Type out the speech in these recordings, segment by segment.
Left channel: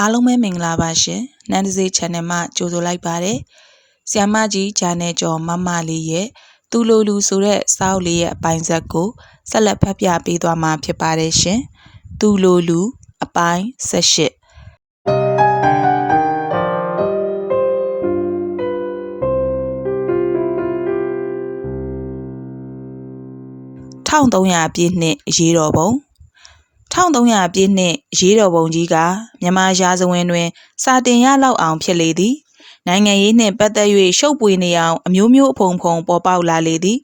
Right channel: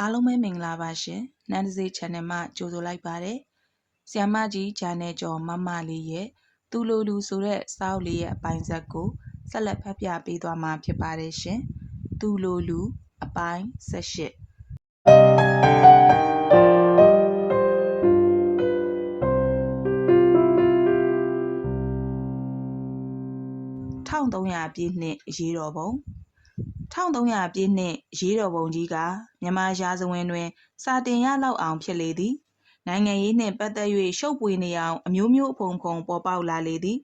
အားလုံးပဲမင်္ဂလာပါရှင်နန်းတစေး channel မှာကြိုဆိုလိုက်ပါတယ်ဆ iam မကြီးဂျာနယ်ကျော်မမလေးရဲ့သူလိုလူဆိုတဲ့စာအုပ်လေးရဲ့အပိုင်းဆက်ကိုဆက်လက်ဖတ်ပြပေးသွားမှာဖြစ်ပါတယ်ရှင်သူလိုလူအပိုင်း78 1300ပြည့်နှစ်ရေးတော်ပုံ 1300ပြည့်နှစ်ရေးတော်ပုံကြီးကမြန်မာရာဇဝင်တွင် စာတင်ရလောက်အောင်ဖြစ်လေသည်နိုင်ငံရေးနှင့်ပတ်သက်၍ရှုပ်ပွေနေအောင်အမျိုးမျိုးအဖုံဖုံပေါ်ပေါက်လာလေသည်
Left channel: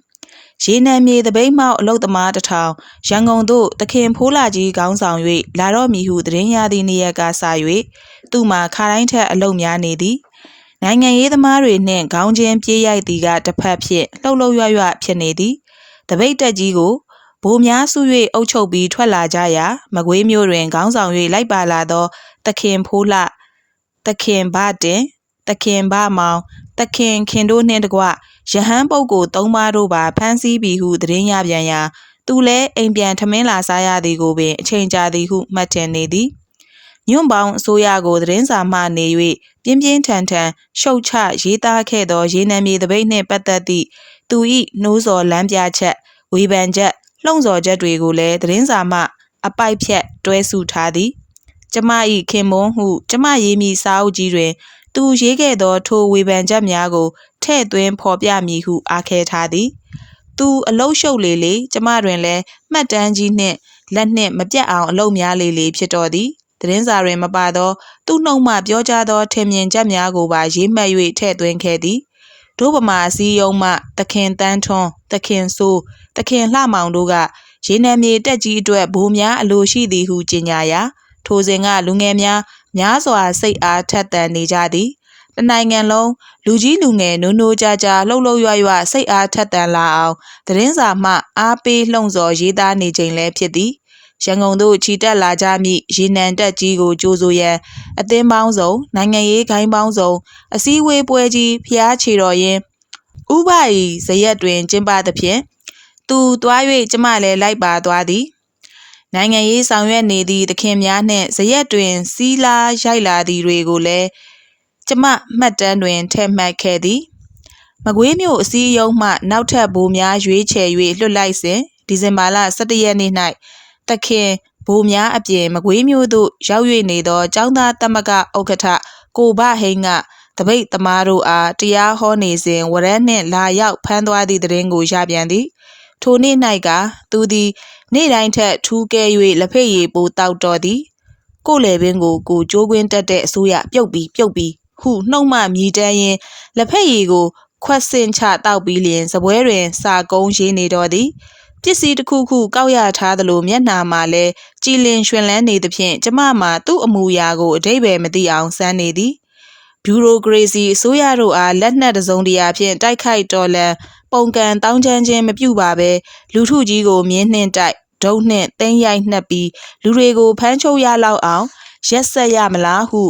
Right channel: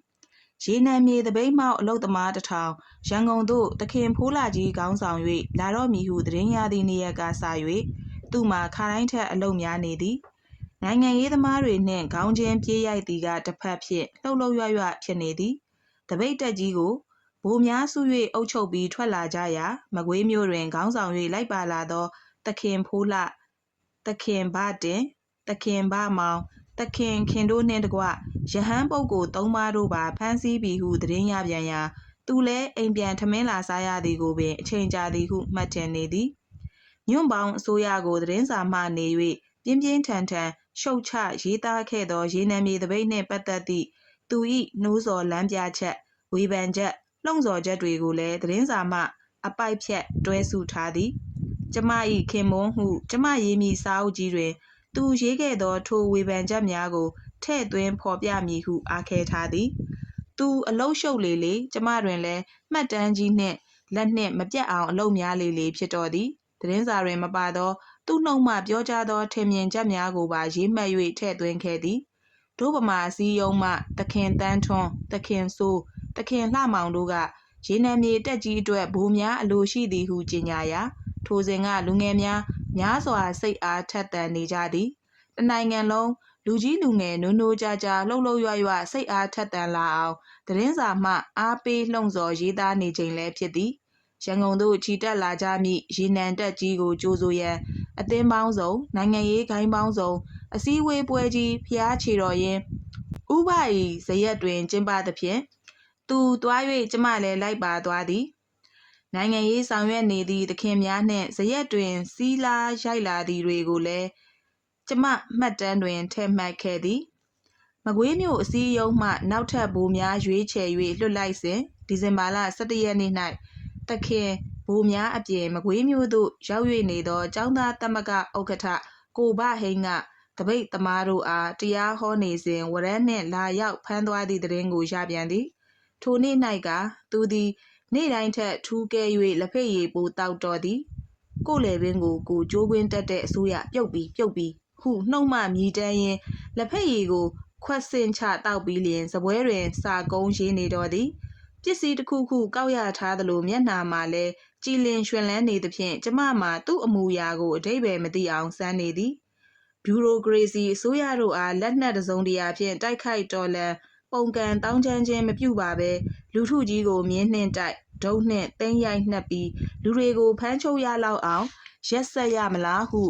ရေနံမြေတပိတ်မောက်အလုတ်သမားတစ်ထောင်ရန်ကုန်သို့တခင်ဖိုးလာကြီးခေါင်းဆောင်၍လာတော့မည်ဟုသတင်းရသည့်နေ့ရက်ကစ၍သူ့မှာခါတိုင်းထက်အလုတ်များနေသည်နိုင်ငံရေးသမားတွေနှင့်ခေါင်းချင်းပြေးရိုက်သည်ကတစ်ဖက်ဖြင့်လှုပ်လှုပ်ရွရွဖြစ်နေသည်တပိတ်တက်ကြီးကို ဗိုလ်များစု၍အုပ်ချုပ်ပြီးထွက်လာကြရာမကွေးမျိုးတွင်ခေါင်းဆောင်၍လိုက်ပါလာသောတခင်ဖိုးလှတခင်ဗတင်တခင်ဗမောင်တခင်ခင်တို့နှင့်တကွယဟန်ပုတ်ကိုသုံးပါးတို့ပါဖမ်းဆီးပြီးဟုသတင်းရပြန်ရာသူလည်းအိမ်ပြန်ထမင်းလာစားရသည်ကိုပင်အချိန်ကြာသည်ဟုမှတ်ထင်နေသည်ညွန့်ပေါင်းအစိုးရကိုသတင်းစာမှနေ၍ပြင်းပြင်းထန်ထန်ရှုတ်ချရေးသားခဲ့သောရေနံမြေတပိတ်နှင့်ပတ်သက်သည့်သူ၏နှိုးဆော်လမ်းပြချက်ဝေဖန်ချက် လှုံ့ဆော်ချက်တွေကိုလည်းသတင်းစာမှ အပိုက်ဖြတ်တွဲစုထားသည်ကျမ၏ခင်မွန်းဟုကျမရေးမိစာအုပ်ကြီးတွင် သူရေးခဲ့သောထိုဝေဖန်ချက်များကိုထဲ့သွင်းဖော်ပြမည်ဟုအားခဲထားသည်သူအလုတ်ရှုပ်လေလေကျမတွင်လည်းမှတ်တမ်းကြီးနှင့်လက်နှင့်မပြတ်အောင်အလုတ်များလေလေဖြစ်တော်သည်သတင်းစာတွင်မပါသောသူ့နှုတ်မှပြောကြားသောထင်မြင်ချက်များကိုပါရေးမှတ်၍ထည့်သွင်းခဲ့သည်ဒုဗမာစည်းယုံမှ သခင်တန်းထွန်းသခင်ဆိုး သခင်လှမောင်တို့ကရေနံမြေတက်ကြီးအတွက်ဘိုးများအလိုရှိသည်ဟုကြေညာရာထိုစဉ်ကလူငယ်များများစွာစိတ်အားထက်သန်နေကြသည်တနိုင်ငံလုံးလူကြီးလူငယ်နိုးနိုးကြကြလှုပ်လှုပ်ရွရွစိတ်အားထက်သန်လာအောင်သတင်းစာမှအားပေးလှုံ့ဆော်ရေးသားနေချိန်လည်းဖြစ်သည်ရန်ကုန်သို့ခြိတက်လာကြမည့်ရေနံတက်ကြီးကိုကြိုးဆိုရန်အသင်းပေါင်းစုံနိုင်ငံရေးဂိုင်းပေါင်းစုံအစည်းအဝေးပွဲကြီးဖျားချေတော်ရင်ဥပ၏ဇရက်တွင်ကျင်းပသဖြင့် သူသွား၍ကျမလည်းလိုက်ပါသွားသည်နိုင်ငံရေးဆောင်ရွက်နေသည့်သခင်များနှင့်ဇရက်တွင် စီးလာရိုက်လာသည်တွေကိုလည်းကျမမှတ်တမ်းတွင်ထည့်မှတ်ခဲ့သည်မကွေးမြို့အစည်းအရုံးမှနောက်ထပ်ဘိုးများရွေးချယ်၍လွှတ်လိုက်စဉ်ဒီဇင်ဘာလ17ရက်နေ့၌တခင်ဘိုးများအပြင်မကွေးမြို့သို့ရောက်၍နေသောចောင်းသားတမကဥက္ကဋ္ဌကိုဘဟိန်းကတပိတ်သမားတို့အားတရားဟောနေစဉ်ဝရမ်းနှင့်လာရောက်ဖမ်းသွားသည့်တရင်ကိုရပြန်သည် ထိုနေ့၌ကသူသည် နေ့တိုင်းထက်ထူးကဲ၍လက်ဖက်ရည်ပိုတောက်တော်သည်ကိုလေပင်ကိုကိုကြိုးကွင်းတက်တဲ့အစိုးရပြုတ်ပြီးပြုတ်ပြီးဟုနှုတ်မှမြည်တမ်းရင်းလက်ဖက်ရည်ကို ခွက်စင်ချတောက်ပြီးလျင်စပွဲတွင်စာကုန်းရေးနေတော်သည်ပစ္စည်းတစ်ခုခုကောက်ရထားသလိုမျက်နှာမှာလဲကြည်လင်ရွှင်လန်းနေသဖြင့်ကျမမှာသူ့အမူအရာကိုအတိတ်ပဲမသိအောင်စမ်းနေသည်ဘျူရိုကရေစီအစိုးရတို့အားလက်နက်တစုံတရာဖြင့်တိုက်ခိုက်တော်လှန် ပုံကံတောင်းချမ်းခြင်းမပြုပါဘဲလူထုကြီးကိုမြင်းနှင့်တိုက်ဒုံနှင့်တင်းရိုက်နှက်ပြီးလူတွေကိုဖမ်းချုပ်ရလောက်အောင်ရက်ဆက်ရမလားဟု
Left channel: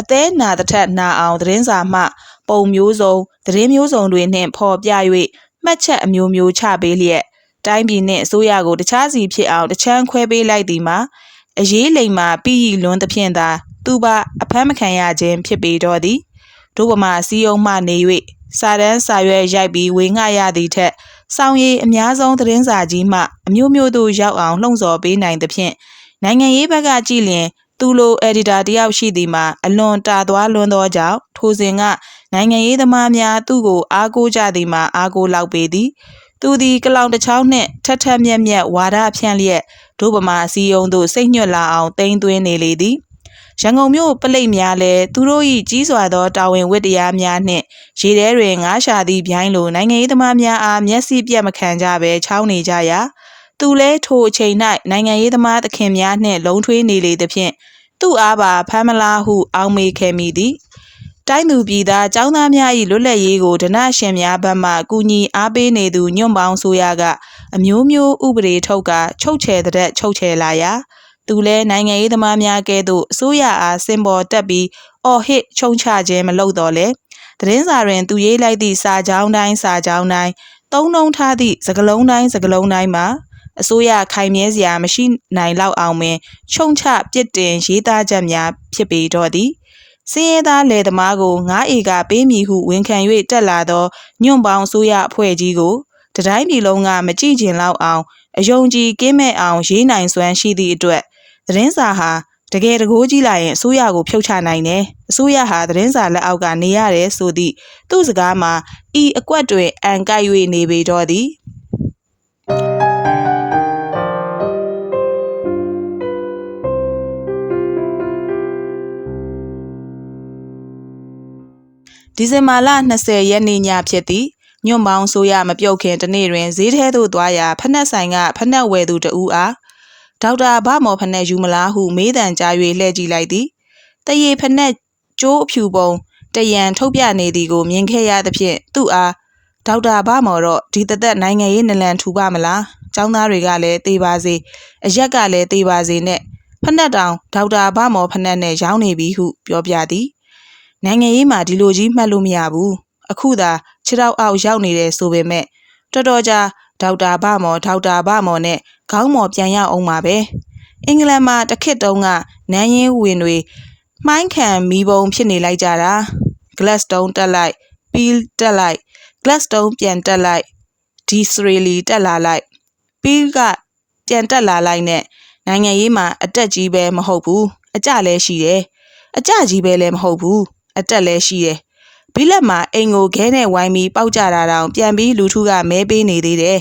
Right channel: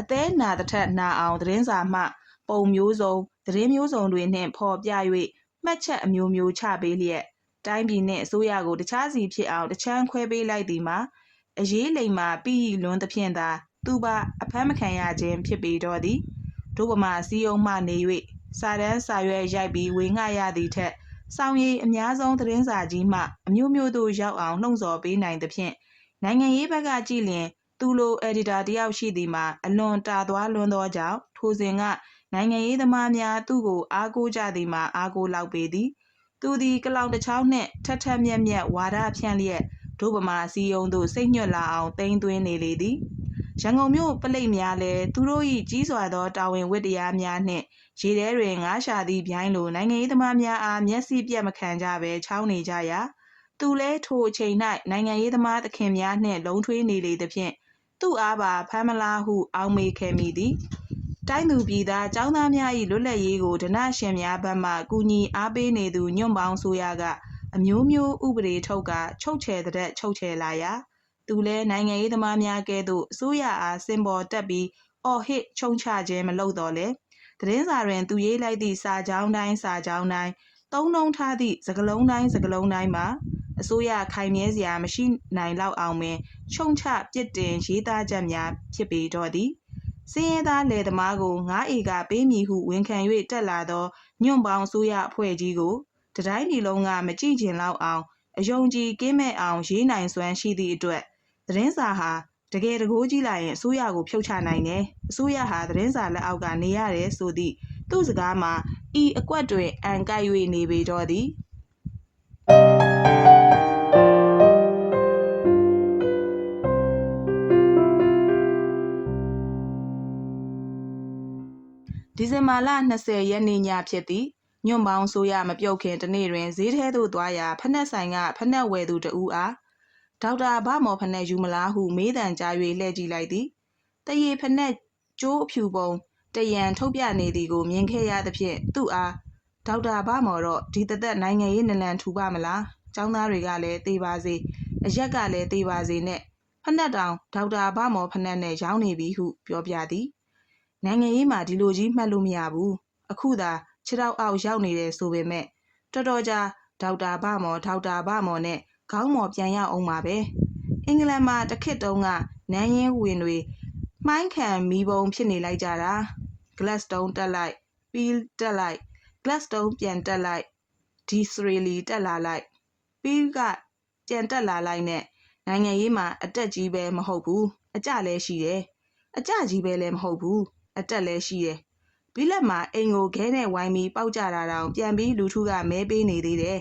အသေးနာတစ်ထက်နာအောင်သတင်းစာမှ ပုံမျိုးစုံသတင်းမျိုးစုံတွေနှင့်ဖော်ပြ၍မှတ်ချက်အမျိုးမျိုးချပေးလျက်တိုင်းပြည်နှင့်အစိုးရကိုတခြားစီဖြစ်အောင်တချမ်းခွဲပေးလိုက်သည်မှာအရေးလိမ်မှာပြီးရီလွန်းသဖြင့်သာ သူပါအဖမ်းမခံရခြင်းဖြစ်ပေတော့သည်ဒုဗမာစီယုံမှနေ၍ စာတန်းစာရွက်ရိုက်ပြီးဝေငှရသည့်ထက်စောင်းရည်အများဆုံးသတင်းစာကြီးမှအမျိုးမျိုးတို့ရောက်အောင်လှုံ့ဆော်ပေးနိုင်သဖြင့်နိုင်ငံရေးဘက်ကကြည့်လျင်သူလိုအက်ဒီတာတယောက်ရှိသည်မှာအလွန်တာသွားလွန်းသောကြောင့်ထိုစဉ်ကနိုင်ငံရေးသမားများသူ့ကိုအားကိုးကြသည်မှာအားကိုးလောက်ပေသည် သူသည်ကလောင်တစ်ချောင်းနှင့်ထက်ထက်မြက်မြက်ဝါဒဖြန့်လျက်ဒုဗမာစီယုံသို့စိတ်ညွတ်လာအောင်တိမ့်သွင်းနေလေသည်ရန်ကုန်မြို့ပလိတ်များလည်းသူတို့၏ကြီးစွာသောတာဝန်ဝတ္တရားများနှင့်ရေထဲတွင်ငါးရှာသည့်ဗျိုင်းလိုနိုင်ငံရေးသမားများအားမျက်စိပြတ်မခံကြဘဲချောင်းနေကြရာသူလဲထိုအချိန်၌နိုင်ငံရေးသမားသခင်များနှင့်လုံထွေးနေလေသဖြင့်သူ့အားပါဖမ်းမလားဟုအောင်းမေခဲ့မိသည် တိုင်းသူပြည်သားចောင်းသားများ၏လွတ်လပ်ရေးကိုဒနရှင်များဘက်မှကူညီအားပေးနေသူညွန့်ပေါင်းဆိုရကအမျိုးမျိုးဥပဒေထုတ်ကချုပ်ချယ်တဲ့ချုပ်ချယ်လာရာသူလဲနိုင်ငံရေးသမားများကဲ့သို့အစိုးရအားစင်ပေါ်တက်ပြီးအော်ဟစ်ချုံချခြင်းမလုပ်တော့လဲသတင်းစာတွင်သူရေးလိုက်သည့်စာကြောင်းတိုင်းစာကြောင်းတိုင်းသုံးနှုံးထားသည့်စကလုံးတိုင်းစကလုံးတိုင်းမှာအစိုးရခိုင်မြဲစရာမရှိနိုင်လောက်အောင်ပင်ခြုံချပြစ်တင်ရေးသားချက်များဖြစ်ပေတော့သည် စင်းရဲသားလယ်သမားကို9ဧကပေးမည်ဟုဝန်ခံ၍တက်လာသောညွန့်ပေါင်းအစိုးရအဖွဲ့ကြီးကိုတတိုင်းပြည်လုံးကမကြည့်ကျင်လောက်အောင်အယုံကြည်ကင်းမဲ့အောင်ရေးနိုင်စွမ်းရှိသည့်အတွက်သတင်းစာဟာတကယ်တကိုးကြီးလာရင်အစိုးရကိုဖြုတ်ချနိုင်တယ်အစိုးရဟာသတင်းစာလက်အောက်ကနေရတယ်ဆိုသည့်သူ့စကားမှာဤအကွက်တွင်အန်ကိုက်၍နေပေတော့သည် ဒီဇင်ဘာလ20ရက်နေ့ညဖြစ်သည်ညွန့်ပေါင်းဆိုရမပြုတ်ခင်တနေ့တွင်ဈေးထဲသို့သွားရာဖက်နှက်ဆိုင်ကဖက်နှက်ဝယ်သူတဦးအားဒေါက်တာဗမော်ဖက်နှက်ယူမလားဟုမေးတံကြား၍လှည့်ကြည့်လိုက်သည်တရေဖက်နှက်ကျိုးအဖြူပုံတရံထုတ်ပြနေသည်ကိုမြင်ခဲ့ရသဖြင့်သူ့အားဒေါက်တာဗမော်တော့ဒီတသက်နိုင်ငံရေးနလန်ထူပါမလားကျောင်းသားတွေကလည်းသေပါစေအရက်ကလည်းသေပါစေနဲ့ဖက်နှက်တောင်ဒေါက်တာဗမော်ဖက်နှက်နဲ့ရောင်းနေပြီဟုပြောပြသည် နိုင်ငံရေးမှာဒီလိုကြီးမှတ်လို့မရဘူးအခုသာခြေထောက်အောက်ရောက်နေတယ်ဆိုပေမဲ့တော်တော်ကြာဒေါက်တာဗမော်ဒေါက်တာဗမော်နဲ့ခေါင်းမော်ပြန်ရအောင်ပါပဲအင်္ဂလန်မှာတခစ်တုံးကနန်းရင်းဝင်တွေမှိုင်းခံမီးပုံဖြစ်နေလိုက်ကြတာ Gladstone တက်လိုက် Peel တက်လိုက် Gladstone ပြန်တက်လိုက် Disraeli တက်လာလိုက် Peel ကပြန်တက်လာလိုက်နဲ့နိုင်ငံရေးမှာအတက်ကြီးပဲမဟုတ်ဘူးအကြလည်းရှိတယ်အကြကြီးပဲလည်းမဟုတ်ဘူး အတက်လည်းရှိတယ်ဘိလက်မှာအိမ်ကိုခဲနဲ့ဝိုင်းပြီးပောက်ကြတာတောင်ပြန်ပြီးလူထုကမဲပေးနေသေးတယ်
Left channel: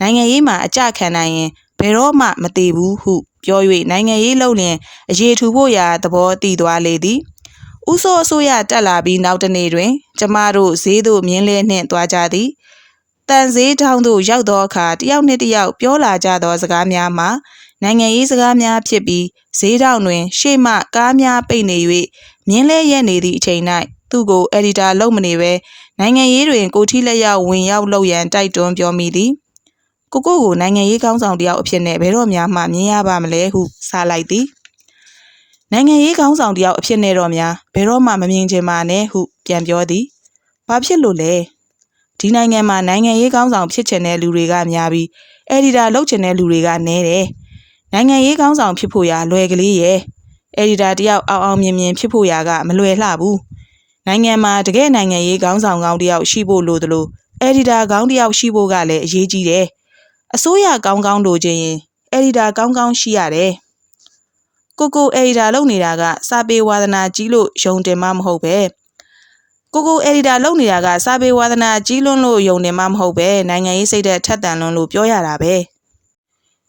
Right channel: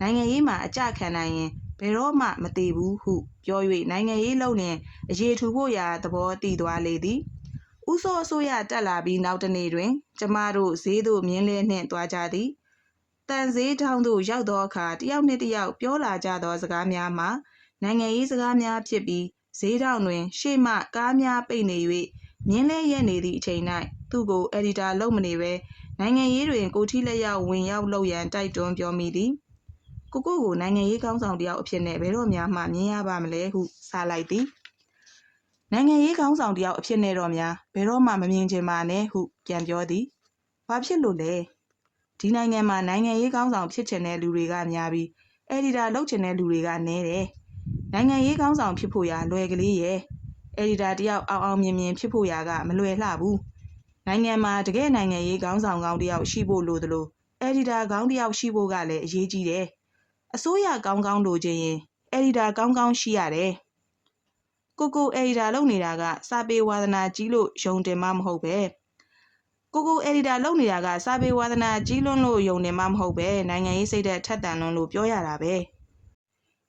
နိုင်ငံရေးမှာအကြခံနိုင်ရင်ဘယ်တော့မှမသေးဘူးဟုပြော၍နိုင်ငံရေးလုံလင်အရေးထူဖို့ရာသဘောတည်သွားလေသည်။ဥဆိုးအစိုးရတက်လာပြီးနောက်တနေ့တွင် ကျမတို့ဈေးသို့မြင်းလဲနှင့်သွားကြသည်။တန်ဈေးထောင်းသို့ရောက်သောအခါတယောက်နှင့်တယောက်ပြောလာကြသောစကားများမှာ နိုင်ငံရေးစကားများဖြစ်ပြီးဈေးထောင်တွင် ရှေ့မှကားများပိတ်နေ၍မြင်းလဲရက်နေသည့်အချိန်၌သူ့ကိုအက်ဒီတာလုပ်မနေပဲနိုင်ငံရေးတွင်ကိုထီလက်ရောက်ဝင်ရောက်လုပ်ရန်တိုက်တွန်းပြောမိသည်။ကိုကိုကိုနိုင်ငံရေးကောင်းဆောင်တယောက်အဖြစ်နဲ့ဘယ်တော့မှမှမြင်ရပါမလဲဟုစလိုက်သည်နိုင်ငံရေးကောင်းဆောင်တယောက်အဖြစ်နဲ့တော့များဘယ်တော့မှမမြင်ချင်ပါနဲ့ဟုပြန်ပြောသည်ဘာဖြစ်လို့လဲဒီနိုင်ငံမှာနိုင်ငံရေးကောင်းဆောင်ဖြစ်ချင်တဲ့လူတွေကများပြီးအက်ဒီတာလုပ်ချင်တဲ့လူတွေကနည်းတယ် နိုင်ငံရေးကောင်းဆောင်ဖြစ်ဖို့ရာလွယ်ကလေးရဲ့အက်ဒီတာတယောက်အောင်အောင်မြင်မြင်ဖြစ်ဖို့ရာကမလွယ်လှဘူးနိုင်ငံမှာတကယ်နိုင်ငံရေးကောင်းဆောင်ကောင်းတယောက်ရှိဖို့လိုသလိုအက်ဒီတာကောင်းတယောက်ရှိဖို့ကလည်းအရေးကြီးတယ်အစိုးရကောင်းကောင်းလိုချင်ရင်အက်ဒီတာကောင်းကောင်းရှိရတယ်ကိုကိုအက်ဒီတာလုပ်နေတာကစာပေဝါသနာကြီးလို့ယုံတယ်မှမဟုတ်ပဲကိုကိုအက်ဒီတာလုပ်နေတာကစာပေဝါသနာကြီးလွန်းလို့ယုံတယ်မှမဟုတ်ပဲနိုင်ငံရေးစိတ်သက်ထက်သန်လွန်းလို့ပြောရတာပဲ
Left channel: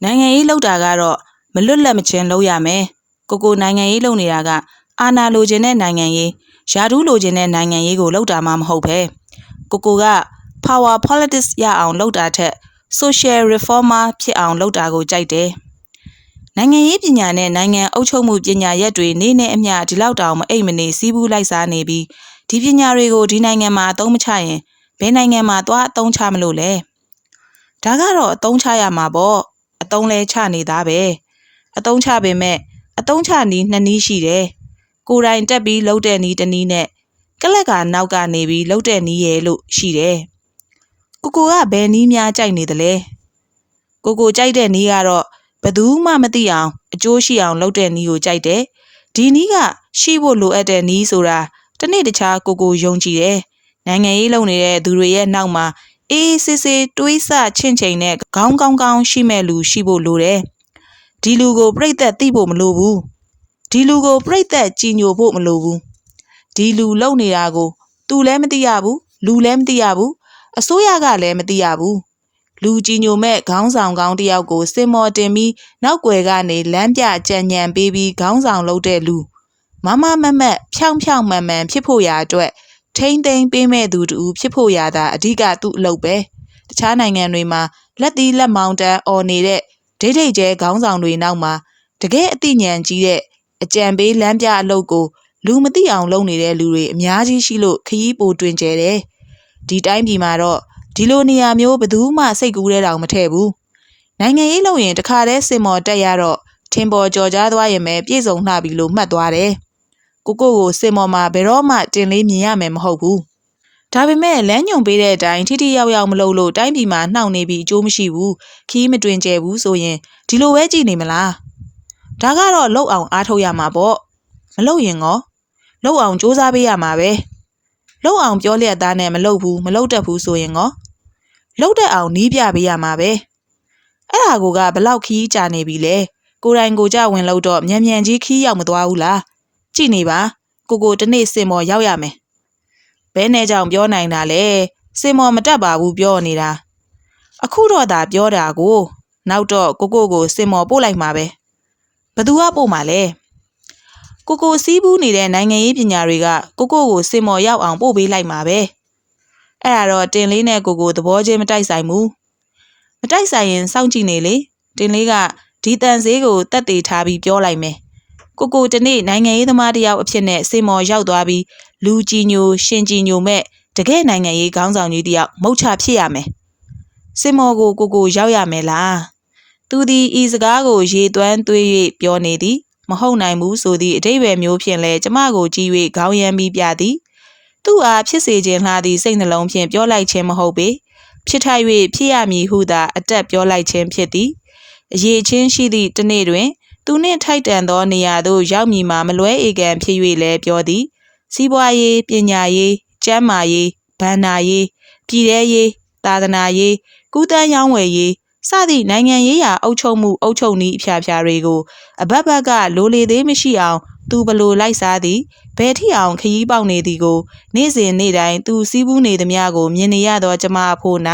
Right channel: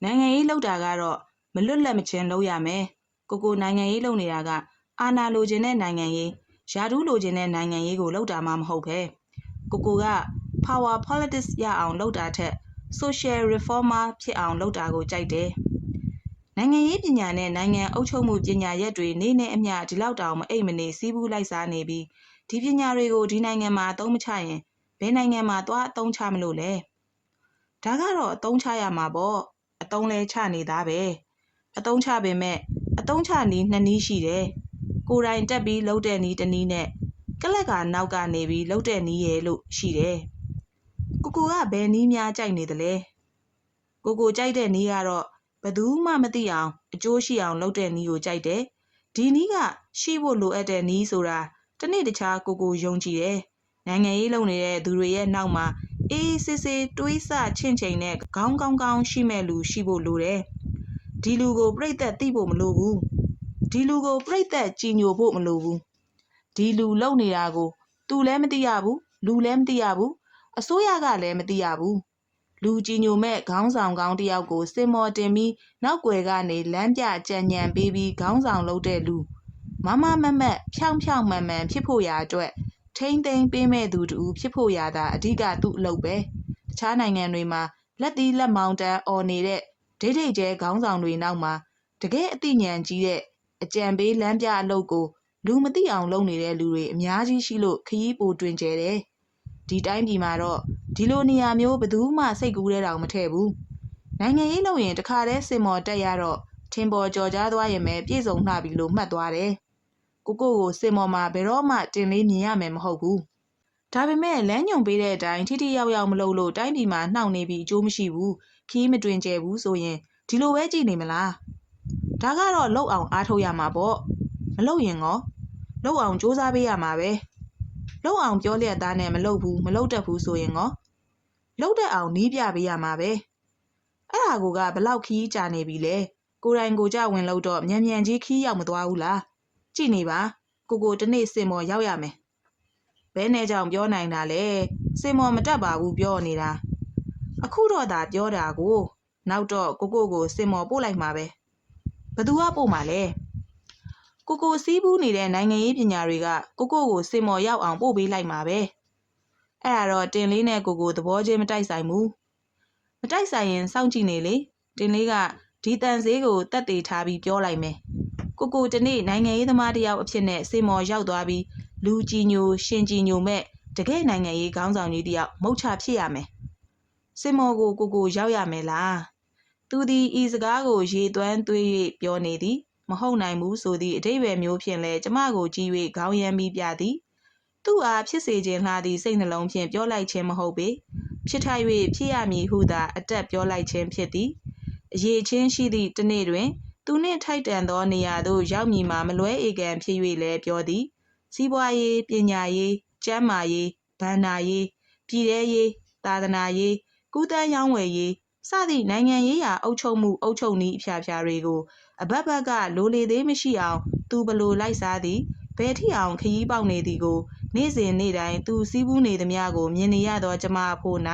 နိုင်ငံရေးလုပ်တာကတော့မလွတ်လပ်မချင်းလုပ်ရမယ်ကိုကိုနိုင်ငံရေးလုပ်နေတာကအာဏာလိုချင်တဲ့နိုင်ငံရေးယာဒူးလိုချင်တဲ့နိုင်ငံရေးကိုလုပ်တာမှမဟုတ်ပဲကိုကိုက power politics ရအောင်လုပ်တာထက် social reformer ဖြစ်အောင်လုပ်တာကိုကြိုက်တယ်။နိုင်ငံရေးပညာနဲ့နိုင်ငံအုပ်ချုပ်မှုပညာရက်တွေနေ့နဲ့အမျှဒီလောက်တောင်မအိပ်မနေစီးပူးလိုက်စားနေပြီးဒီပညာတွေကိုဒီနိုင်ငံမှာအသုံးမချရင်ဘယ်နိုင်ငံမှာသွားအသုံးချမလို့လဲ။ဒါကတော့အသုံးချရမှာပေါ့။ အသုံးလဲချနေတာပဲ။အသုံးချပေမဲ့အသုံးချနီးနှစ်နည်းရှိတယ်။ကိုယ်တိုင်တက်ပြီးလှုပ်တဲ့နီးတစ်နည်းနဲ့ကလက်ကနောက်ကနေပြီးလှုပ်တဲ့နီးရဲ့လို့ရှိတယ်။ကိုကိုကဘယ်နီးများကြိုက်နေသလဲကိုကိုကြိုက်တဲ့နီးကတော့ဘသူမှမသိအောင်အကျိုးရှိအောင်လုပ်တဲ့နီးကိုကြိုက်တယ်ဒီနီးကရှိဖို့လိုအပ်တဲ့နီးဆိုတာတနေ့တခြားကိုကိုယုံကြည်တယ်နိုင်ငံရေးလုပ်နေတဲ့သူတွေရဲ့နောက်မှာ အေးစစ်စစ်တွေးဆချင့်ချိန်နဲ့ခေါင်းကောင်းကောင်းရှိမဲ့လူရှိဖို့လိုတယ်ဒီလူကိုပြိတ်သက်သိဖို့မလိုဘူးဒီလူကိုပြိတ်သက်ကြည်ညိုဖို့မလိုဘူးဒီလူလုံနေတာကို तू လည်းမသိရဘူးလူလည်းမသိရဘူးအစိုးရကလည်းမသိရဘူးလူကြီးညိုမဲ့ခေါင်းဆောင်ကောင်းတယောက်ကိုစင်မော်တင်ပြီးနောက်ွယ်ကနေလမ်းပြကြံညံပေးပြီးခေါင်းဆောင်လုပ်တဲ့လူမမမမက်ဖြောင်းဖြောင်းမှန်မှန်ဖြစ်ဖို့ရာအတွက် ထိမ့်သိမ့်ပေးမဲ့သူတူဖြစ်ဖို့ရာသာအဓိကသူ့အလုပ်ပဲတခြားနိုင်ငံတွေမှာလက်သီးလက်မောင်းတန်းអော်နေတဲ့ဒိတ်ဒိတ်ကျဲခေါင်းဆောင်တွေနောက်မှာတကယ်အသိဉာဏ်ကြီးတဲ့အကြံပေးလမ်းပြအလုပ်ကိုလူမသိအောင်လုပ်နေတဲ့လူတွေအများကြီးရှိလို့ခရီးပိုတွင်ကျဲတယ်ဒီတိုင်းပြည်မှာတော့ဒီလိုနေရာမျိုးဘယ်သူမှစိတ်ကူးတဲ့တောင်မထည့်ဘူးနိုင်ငံရေးလုပ်ရင်တခါတည်းစင်မော်တက်ရတော့ထင်ပေါ်ကြော်ကြားသွားရင်ပဲပြည့်စုံလှပြီလို့မှတ်သွားတယ် ကိုကိုကိုစင်မော်မှာဘယ်တော့မှတင်လေးမြင်ရမယ်မဟုတ်ဘူးတဒါပေမဲ့လမ်းညွန်ပေးတဲ့အတိုင်းထိထိရောက်ရောက်မလုပ်လို့တိုင်းပြည်မှာနှောင့်နေပြီးအကျိုးမရှိဘူးခီးမတွင်ကျဲဘူးဆိုရင်ဒီလိုပဲကြည်နေမလားဒါကတော့လှုပ်အောင်အားထုတ်ရမှာပေါ့မလှုပ်ရင်ရောလှုပ်အောင်စူးစမ်းပေးရမှာပဲလှုပ်အောင်ပြောလျက်သားနဲ့မလှုပ်ဘူးမလှုပ်တတ်ဘူးဆိုရင်ရောလှုပ်တတ်အောင်နီးပြပေးရမှာပဲအဲ့ဒါကိုကဘလောက်ခီးကြာနေပြီလဲကိုယ်တိုင်ကိုကြဝင်လို့တော့မြန်မြန်ကြီးခီးရောက်မသွားဘူးလား ကြည်နေပါကိုကိုတနေ့စင်မော်ရောက်ရမယ်ဘဲနဲ့ကြောင့်ပြောနိုင်တာလေစင်မော်မတက်ပါဘူးပြောနေတာအခုတော့ဒါပြောတာကိုနောက်တော့ကိုကိုကိုစင်မော်ပို့လိုက်မှာပဲဘသူကပို့မှာလဲကိုကိုစီးပူးနေတဲ့နိုင်ငံရေးပညာတွေကကိုကိုကိုစင်မော်ရောက်အောင်ပို့ပေးလိုက်မှာပဲအဲ့ဒါတော့တင်လေးနဲ့ကိုကိုသဘောချင်းမတိုက်ဆိုင်ဘူးမတိုက်ဆိုင်ရင်စောင့်ကြည့်နေလေတင်လေးကဒီတန်ဈေးကိုတက်တေထားပြီးပြောလိုက်မယ် ကိုကိုတနေ့နိုင်ငံရေးသမားတစ်ယောက်အဖြစ်နဲ့စင်မော်ရောက်သွားပြီးလူကြီးညိုရှင်ကြီးညိုမဲ့တကယ်နိုင်ငံရေးခေါင်းဆောင်ကြီးတယောက်မုတ်ချဖြစ်ရမယ်စင်မော်ကိုကိုကိုရောက်ရမယ်လားသူသည်ဤစကားကိုရေသွမ်းသွေး၍ပြောနေသည်မဟုတ်နိုင်ဘူးဆိုသည့်အတိတ်ပဲမျိုးဖြင့်လဲကျမကိုကြည့်၍ခေါင်းရမ်းပြီးပြသည်သူ့အားဖြစ်စေခြင်းလှသည့်စိတ်နှလုံးဖြင့်ပြောလိုက်ခြင်းမဟုတ်ပေဖြစ်ထိုက်၍ဖြစ်ရမည်ဟုသာအတက်ပြောလိုက်ခြင်းဖြစ်သည်အရေးချင်းရှိသည့်တစ်နေ့တွင် သူနှင့်ထိုက်တန်သောနေရာသို့ရောက်မည်မှာမလွဲဧကန်ဖြစ်၍လည်းပြောသည်စီးပွားရေးပညာရေးကျန်းမာရေးဗန္နာရေးပြည်ထရေးသာသနာရေးကုသန်းရောင်းဝယ်ရေးစသည့်နိုင်ငံရေးရာအုပ်ချုပ်မှုအုပ်ချုပ်နည်းအဖျားဖျားတွေကိုအဘက်ဘက်ကလိုလေသေးမရှိအောင် သူဘလို့လိုက်စားသည်ဘယ်ထိအောင်ခရီးပေါက်နေသည်ကို နေ့စဉ်နေ့တိုင်းသူစီးပူးနေသည်များကို မြင်နေရသောကျမအဖို့၌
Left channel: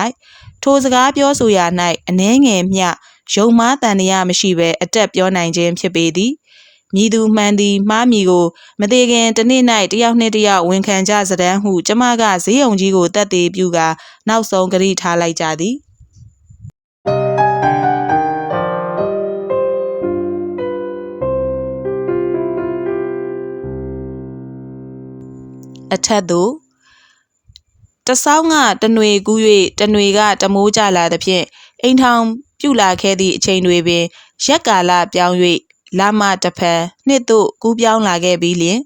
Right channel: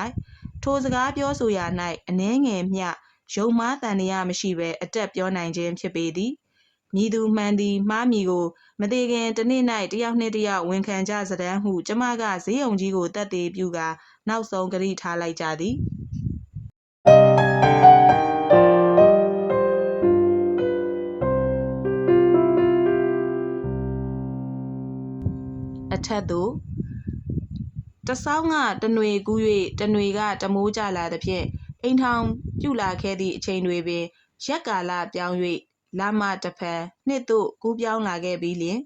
ထိုစကားပြောဆိုရာ၌အနှဲငယ်မျှ ယုံမားတန်တရားမရှိဘဲအတက်ပြောနိုင်ခြင်းဖြစ်ပေသည်မြည်သူမှန်သည်မှားမည်ကိုမသေးခင်တစ်နေ့၌တယောက်နှင့်တယောက်ဝန်ခံကြစတမ်းဟုကျမကဈေးုံကြီးကိုတက်သေးပြုကာနောက်ဆုံးကြိထားလိုက်ကြသည်အထက်သို့ တဆောင်းကတနွေကူး၍တနွေကတမိုးကြလာသဖြင့်အိမ်ထောင်ပြုလာခဲ့သည့်အချိန်တွေပင် ရက်ကာလပြောင်း၍လာမတစ်ဖန်နှစ်သို့ကူးပြောင်းလာခဲ့ပြီးလျင်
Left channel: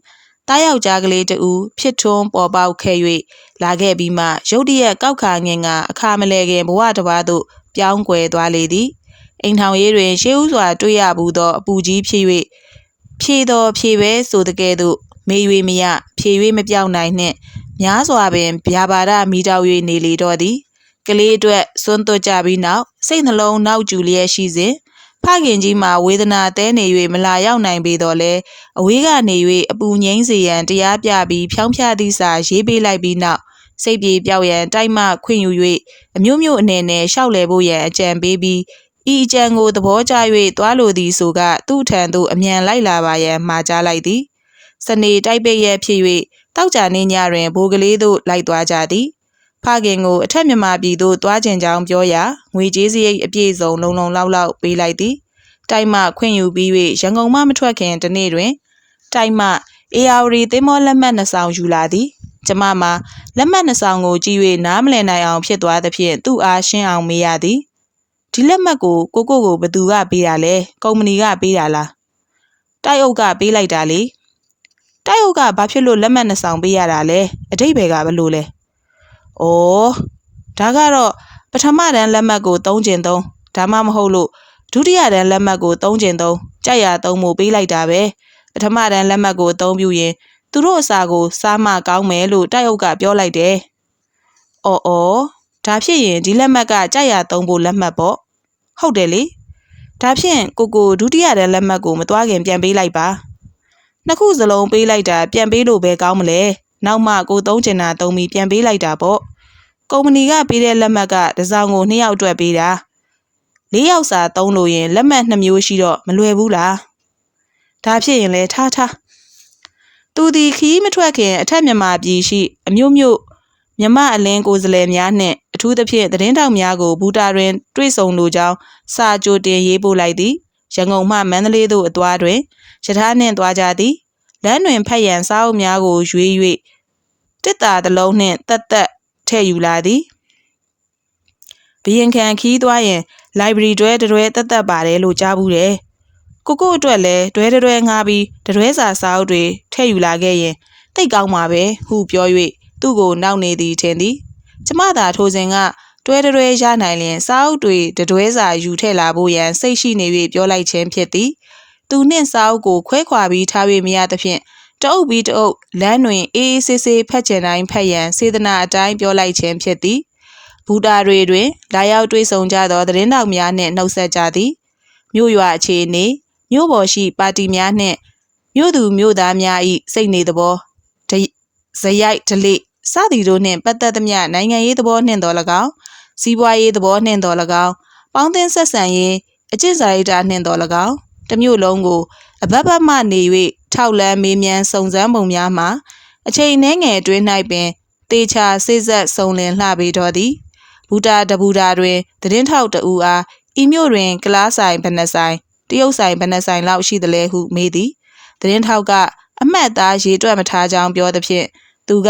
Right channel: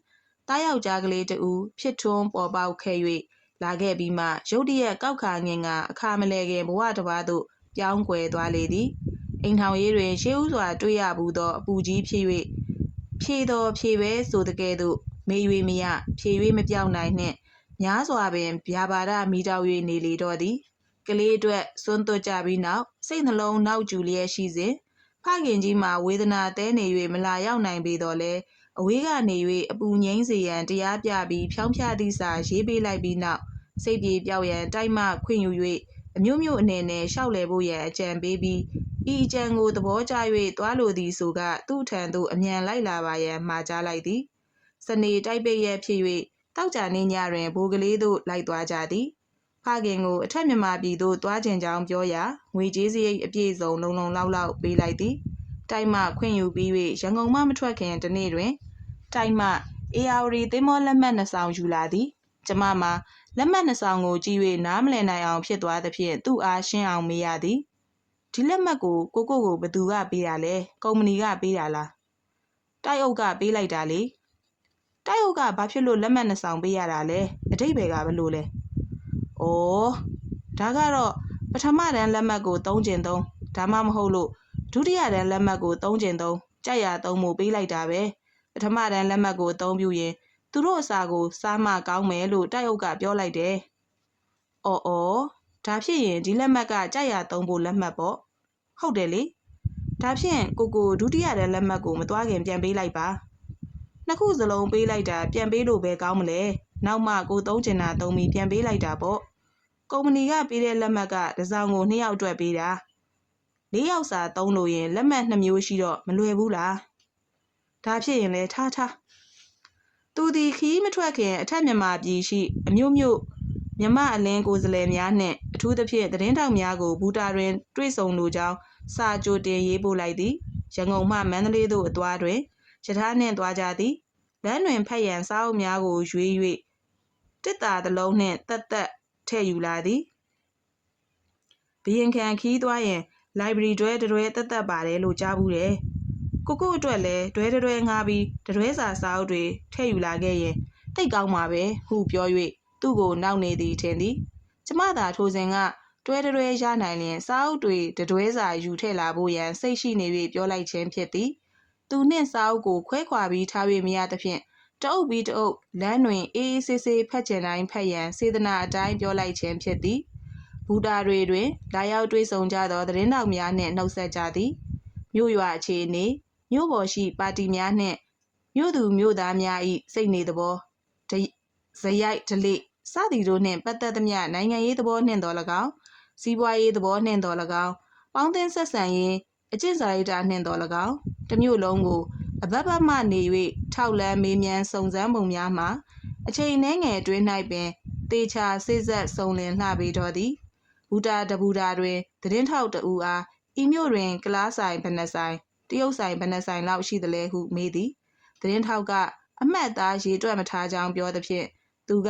တားယောက်ျားကလေးတူဖြစ်ထွန်းပေါ်ပေါက်ခဲ့၍လာခဲ့ပြီးမှရုတ်တရက်ကောက်ခါငင်ကအခါမလဲခင်ဘဝတစ်ပါးသို့ပြောင်းကွယ်သွားလေသည်အိမ်ထောင်ရေးတွင်ရှေးဥစွာတွေ့ရဘူးသောအပူကြီးဖြစ်၍ဖြေတော်ဖြေပဲဆိုတဲ့ကဲ့သို့မေ၍မရဖြေ၍မပြောင်းနိုင်နှင့် များစွာပင်ဗျာပါဒမိတောက်၍နေလေတော့သည်ကလေးအတွက်စွန့်သွတ်ကြပြီးနောက်စိတ်နှလုံးနောက်ကျူလျက်ရှိစဉ်ဖခင်ကြီးမှာဝေဒနာတဲနေ၍မလာရောက်နိုင်ပေတော့လဲအဝေးကနေ၍အပူငိမ့်စေရန်တရားပြပြီးဖြောင်းဖြသည့်စာရေးပေးလိုက်ပြီးနောက်စိတ်ပြေပြောက်ရန်တိုက်မှခွင့်ယူ၍အမျိုးမျိုးအနေနဲ့ရှောက်လဲဖို့ရန်အကြံပေးပြီးဤအကြံကိုသဘောကျ၍သွားလိုသည်ဆိုကသူ့ထံသို့အမြန်လိုက်လာပါရန်မှာကြားလိုက်သည်စနေတိုက်ပိတ်ရဖြစ်၍ တောက်ကြနေညတွင်ဘိုးကလေးတို့လိုက်သွားကြသည်ဖခင်ကိုအထက်မြန်မာပြည်သို့သွားခြင်းကြောင်းပြောရာငွေကြေးစရိတ်အပြည့်စုံလုံလုံလောက်လောက်ပေးလိုက်သည်တိုက်မှခွင့်ယူပြီး၍ရန်ကုန်မှမထွက်ခင်တနေ့တွင် တိုက်မှအေယာဝတီသင်းမောလက်မှတ်နှစ်ဆောင်ယူလာသည်ကျမမှာလက်မှတ်နှစ်ဆောင်ကိုကြည့်၍နားမလည်နိုင်အောင်ဖြစ်သွားသဖြင့်သူ့အားရှင်းအောင်မေးရသည်ဒီလက်မှတ်ကိုကိုကိုကိုဘသူကပေးတာလဲကုမ္ပဏီကပေးတာလားတိုက်အုပ်ကပေးလိုက်တာလေ တိုက်အုပ်ကဘာဖြစ်လို့လက်မှတ်နှစ်ဆောင်ပေးရတာလဲအတိတ်ဘယ်ကဘလို့လဲဩဒါကတော့ပထမတန်းလက်မှတ်ကိုသုံးကျင်သုံးဒါမှမဟုတ်လို့ဒုတိယတန်းလက်မှတ်ကိုသုံးကျင်သုံးကြိုက်ရသုံးမှုပေးလိုက်တာပဲပထမတန်းလက်မှတ်ကိုအသုံးပြုရင်သူတို့အစာကိုစားမကောင်းမယ်လို့တိုက်အုပ်ကပြောလိုက်တယ်။အော်အော်ဒါဖြစ်ရင်ဒီလက်မှတ်ကကြိုက်ရသုံးဖို့လက်မှတ်ပေါ့။ဟုတ်တယ်လေ။ဒါဖြင့်ကိုကိုဒုတိယတန်းလက်မှတ်ကိုမသွားခင်ပြန်ပေးလိုက်ပါ။ နှစ်ခုစလုံးပေးလိုက်တာပြန်ပေးလို့ပဲကောင်းမလဲ။နောက်မှကိုသုံးချင်တာသုံးပြီးပြန်ပေးလိုက်တာပေါ့။ကုမ္ပဏီကပေးတဲ့လက်မှတ်ကတစ်စောင်ကိုနှစ်ယောက်အတွက်ပေးတာ။လေးယောက်စာသုံးလို့ရင်လက်မှတ်နှစ်မျိုးရှိတော့မလွယ်ဘူးလား။ဒါဖြစ်ရင်လဲထားထားသူသည်ခီးမထွက်ခင်အထက်မြန်မာပြည်ရှိအမျိုးမျိုးမြမအလင်းကိုယ်စားလှယ်များနှင့်အထူးသဖြင့်သတင်းတောက်များကိုဘူတာတွင်တွေ့ဆုံလိုကြောင်းစာကြိုတင်ရေးပို့လိုက်သည်ရန်ကုန်မှမန္တလေးသို့အသွားတွင် ရထားနှင့်သွားကြသည်လမ်းတွင်ဖက်ရန်စားအုပ်များကိုရွေး၍တစ်တာတစ်လုံးနှင့်တက်တက်ထည့်ယူလာသည်ဘရင်ခံခီးသွားရင် library တွဲတွဲတက်တက်ပါတယ်လို့ကြားဘူးတယ်ကိုကိုအတွက်လည်းဒွဲတွဲငှားပြီးတတွဲစာစာအုပ်တွေထည့်ယူလာခဲ့ရင်တိတ်ကောင်းပါပဲဟုပြော၍သူ့ကိုနောက်နေသည်ထင်သည်ကျမသာထိုစဉ်ကတွဲတွဲရနိုင်လျင်စာအုပ်တွေတတွဲစာယူထည့်လာဖို့ရန်စိတ်ရှိနေ၍ပြောလိုက်ခြင်းဖြစ်သည် သူနှင့်စာအုပ်ကိုခွဲခွာပြီးထား၍မရသဖြင့်တအုပ်ပြီးတအုပ်လမ်းတွင်အေးအေးဆေးဆေးဖက်ချင်တိုင်းဖက်ရန်စေတနာအတိုင်းပြောလိုက်ခြင်းဖြစ်သည်ဘူတာတွေတွင် လာရောက်တွေ့ဆုံကြသောသတင်းတောက်များနှင့်နှုတ်ဆက်ကြသည်မြို့ရွာအခြေအနေမြို့ပေါ်ရှိပါတီများနှင့်မြို့သူမြို့သားများ၏စိတ်နေသဘောဒဇရိုက်ဒလိစသည်တို့နှင့်ပတ်သက်သမျှနိုင်ငံရေးသဘောနှင့်တော်၎င်းစီးပွားရေးသဘောနှင့်တော်၎င်းပေါင်းသင်းဆက်ဆံရေးအကျင့်စာရိတ္တနှင့်တော်၎င်း တစ်မျိုးလုံးကိုအဘက်ဘက်မှနေ၍ထောက်လန်းမေးမြန်းစုံစမ်းပုံများမှာအချိန်နှဲငယ်အတွင်း၌ပင်တေချာစိစက်စုံလင်လှပေတော်သည်ဘူတာတဘူတာတွင်သတင်းထောက်တဦးအားဤမြို့တွင်ကလားဆိုင်ဘဏ္ဍဆိုင်တရုတ်ဆိုင်ဘဏ္ဍဆိုင်လောက်ရှိသလဲဟုမေးသည်သတင်းထောက်ကအမှတ်သားရေတွက်မထားကြောင်းပြောသဖြင့်သူက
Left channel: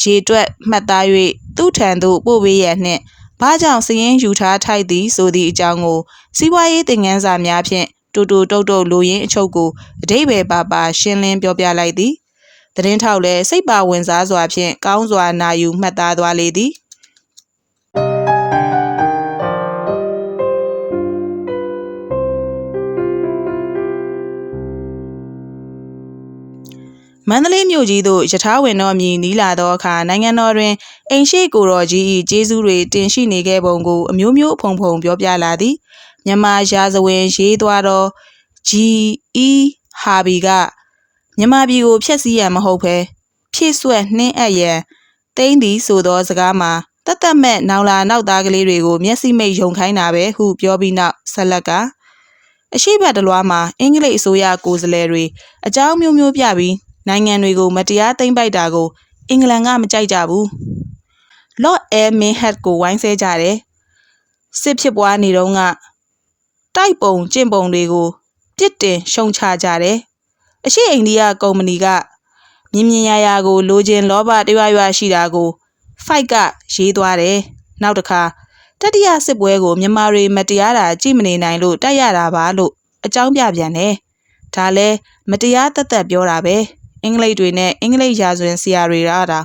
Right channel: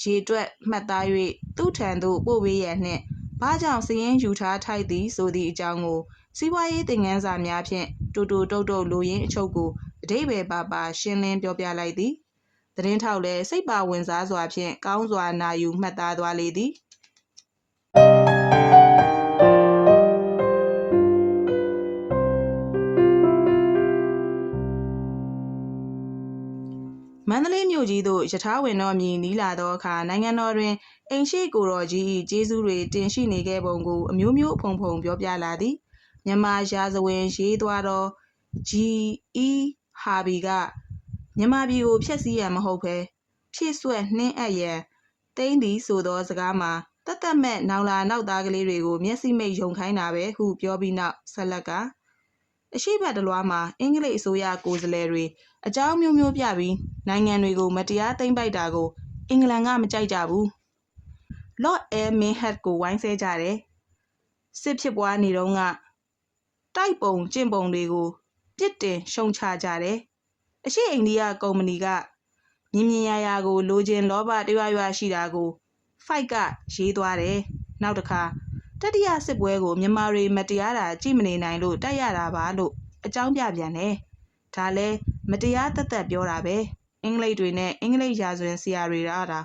ရေတွက်မှတ်သား၍သူ့ထံသို့ပို့ပေးရန်နှင့်ဘာကြောင့်စည်ရင်ယူထားထိုက်သည်ဆိုသည့်အကြောင်းကိုစီးပွားရေးသင်ခန်းစာများဖြင့် တူတူတုတ်တုတ်လိုရင်းအချုပ်ကိုအတိဘယ်ပါပါရှင်းလင်းပြောပြလိုက်သည်သတင်းထောက်လည်းစိတ်ပါဝင်စားစွာဖြင့်ကောင်းစွာနာယူမှတ်သားသွားလေသည်မန္တလေးမြို့ကြီးသို့ယထာဝင်တော်မြည်နီးလာသောအခါနိုင်ငံတော်တွင်အိမ်ရှိကိုတော်ကြီး၏ကျေးဇူးတွေတင်ရှိနေခဲ့ပုံကိုအမျိုးမျိုးဖုံဖုံပြောပြလာသည် မြန်မာရာဇဝင်ရေးသွားသော G.E. ဟာဘီကမြန်မာပြည်ကိုဖျက်ဆီးရန်မဟုတ်ဘဲဖြည့်ဆွက်နှင်းအပ်ရန်တိမ့်သည်ဆိုသောစကားမှာတတ်တတ်မဲ့နောင်လာနောက်သားကလေးတွေကိုမျက်စိမိတ်ယုံခိုင်းတာပဲဟုပြောပြီးနောက်ဆက်လက်ကအရှိတ်တလွားမှာအင်္ဂလိပ်အစိုးရကိုယ်စားလှယ်တွေအကြောင်းမျိုးမျိုးပြပြီးနိုင်ငံတွေကိုမတရားသိမ်းပိုက်တာကိုအင်္ဂလန်ကမကြိုက်ကြဘူး။ Lord Air Minhad ကိုဝိုင်းဆဲကြတယ်။စစ်ဖြစ်ပွားနေတော့က တိုက်ပုံကျင့်ပုံတွေကိုပြစ်တင်ရှုံချကြတယ်။အရှိအိန္ဒိယကုမ္ပဏီကမြင်မြင်ရရကိုလိုချင်လောဘတရွရွရှိတာကို fight ကရေးသွားတယ်။နောက်တစ်ခါတတိယစစ်ပွဲကိုမြန်မာတွေမတရားတာကြည့်မနေနိုင်လို့တိုက်ရတာပါလို့အကြောင်းပြပြန်တယ်။ဒါလဲမတရားသက်သက်ပြောတာပဲ။အင်္ဂလိပ်တွေနဲ့အင်္ဂလိပ်ရာဇဝင်ဆရာတွေရတာ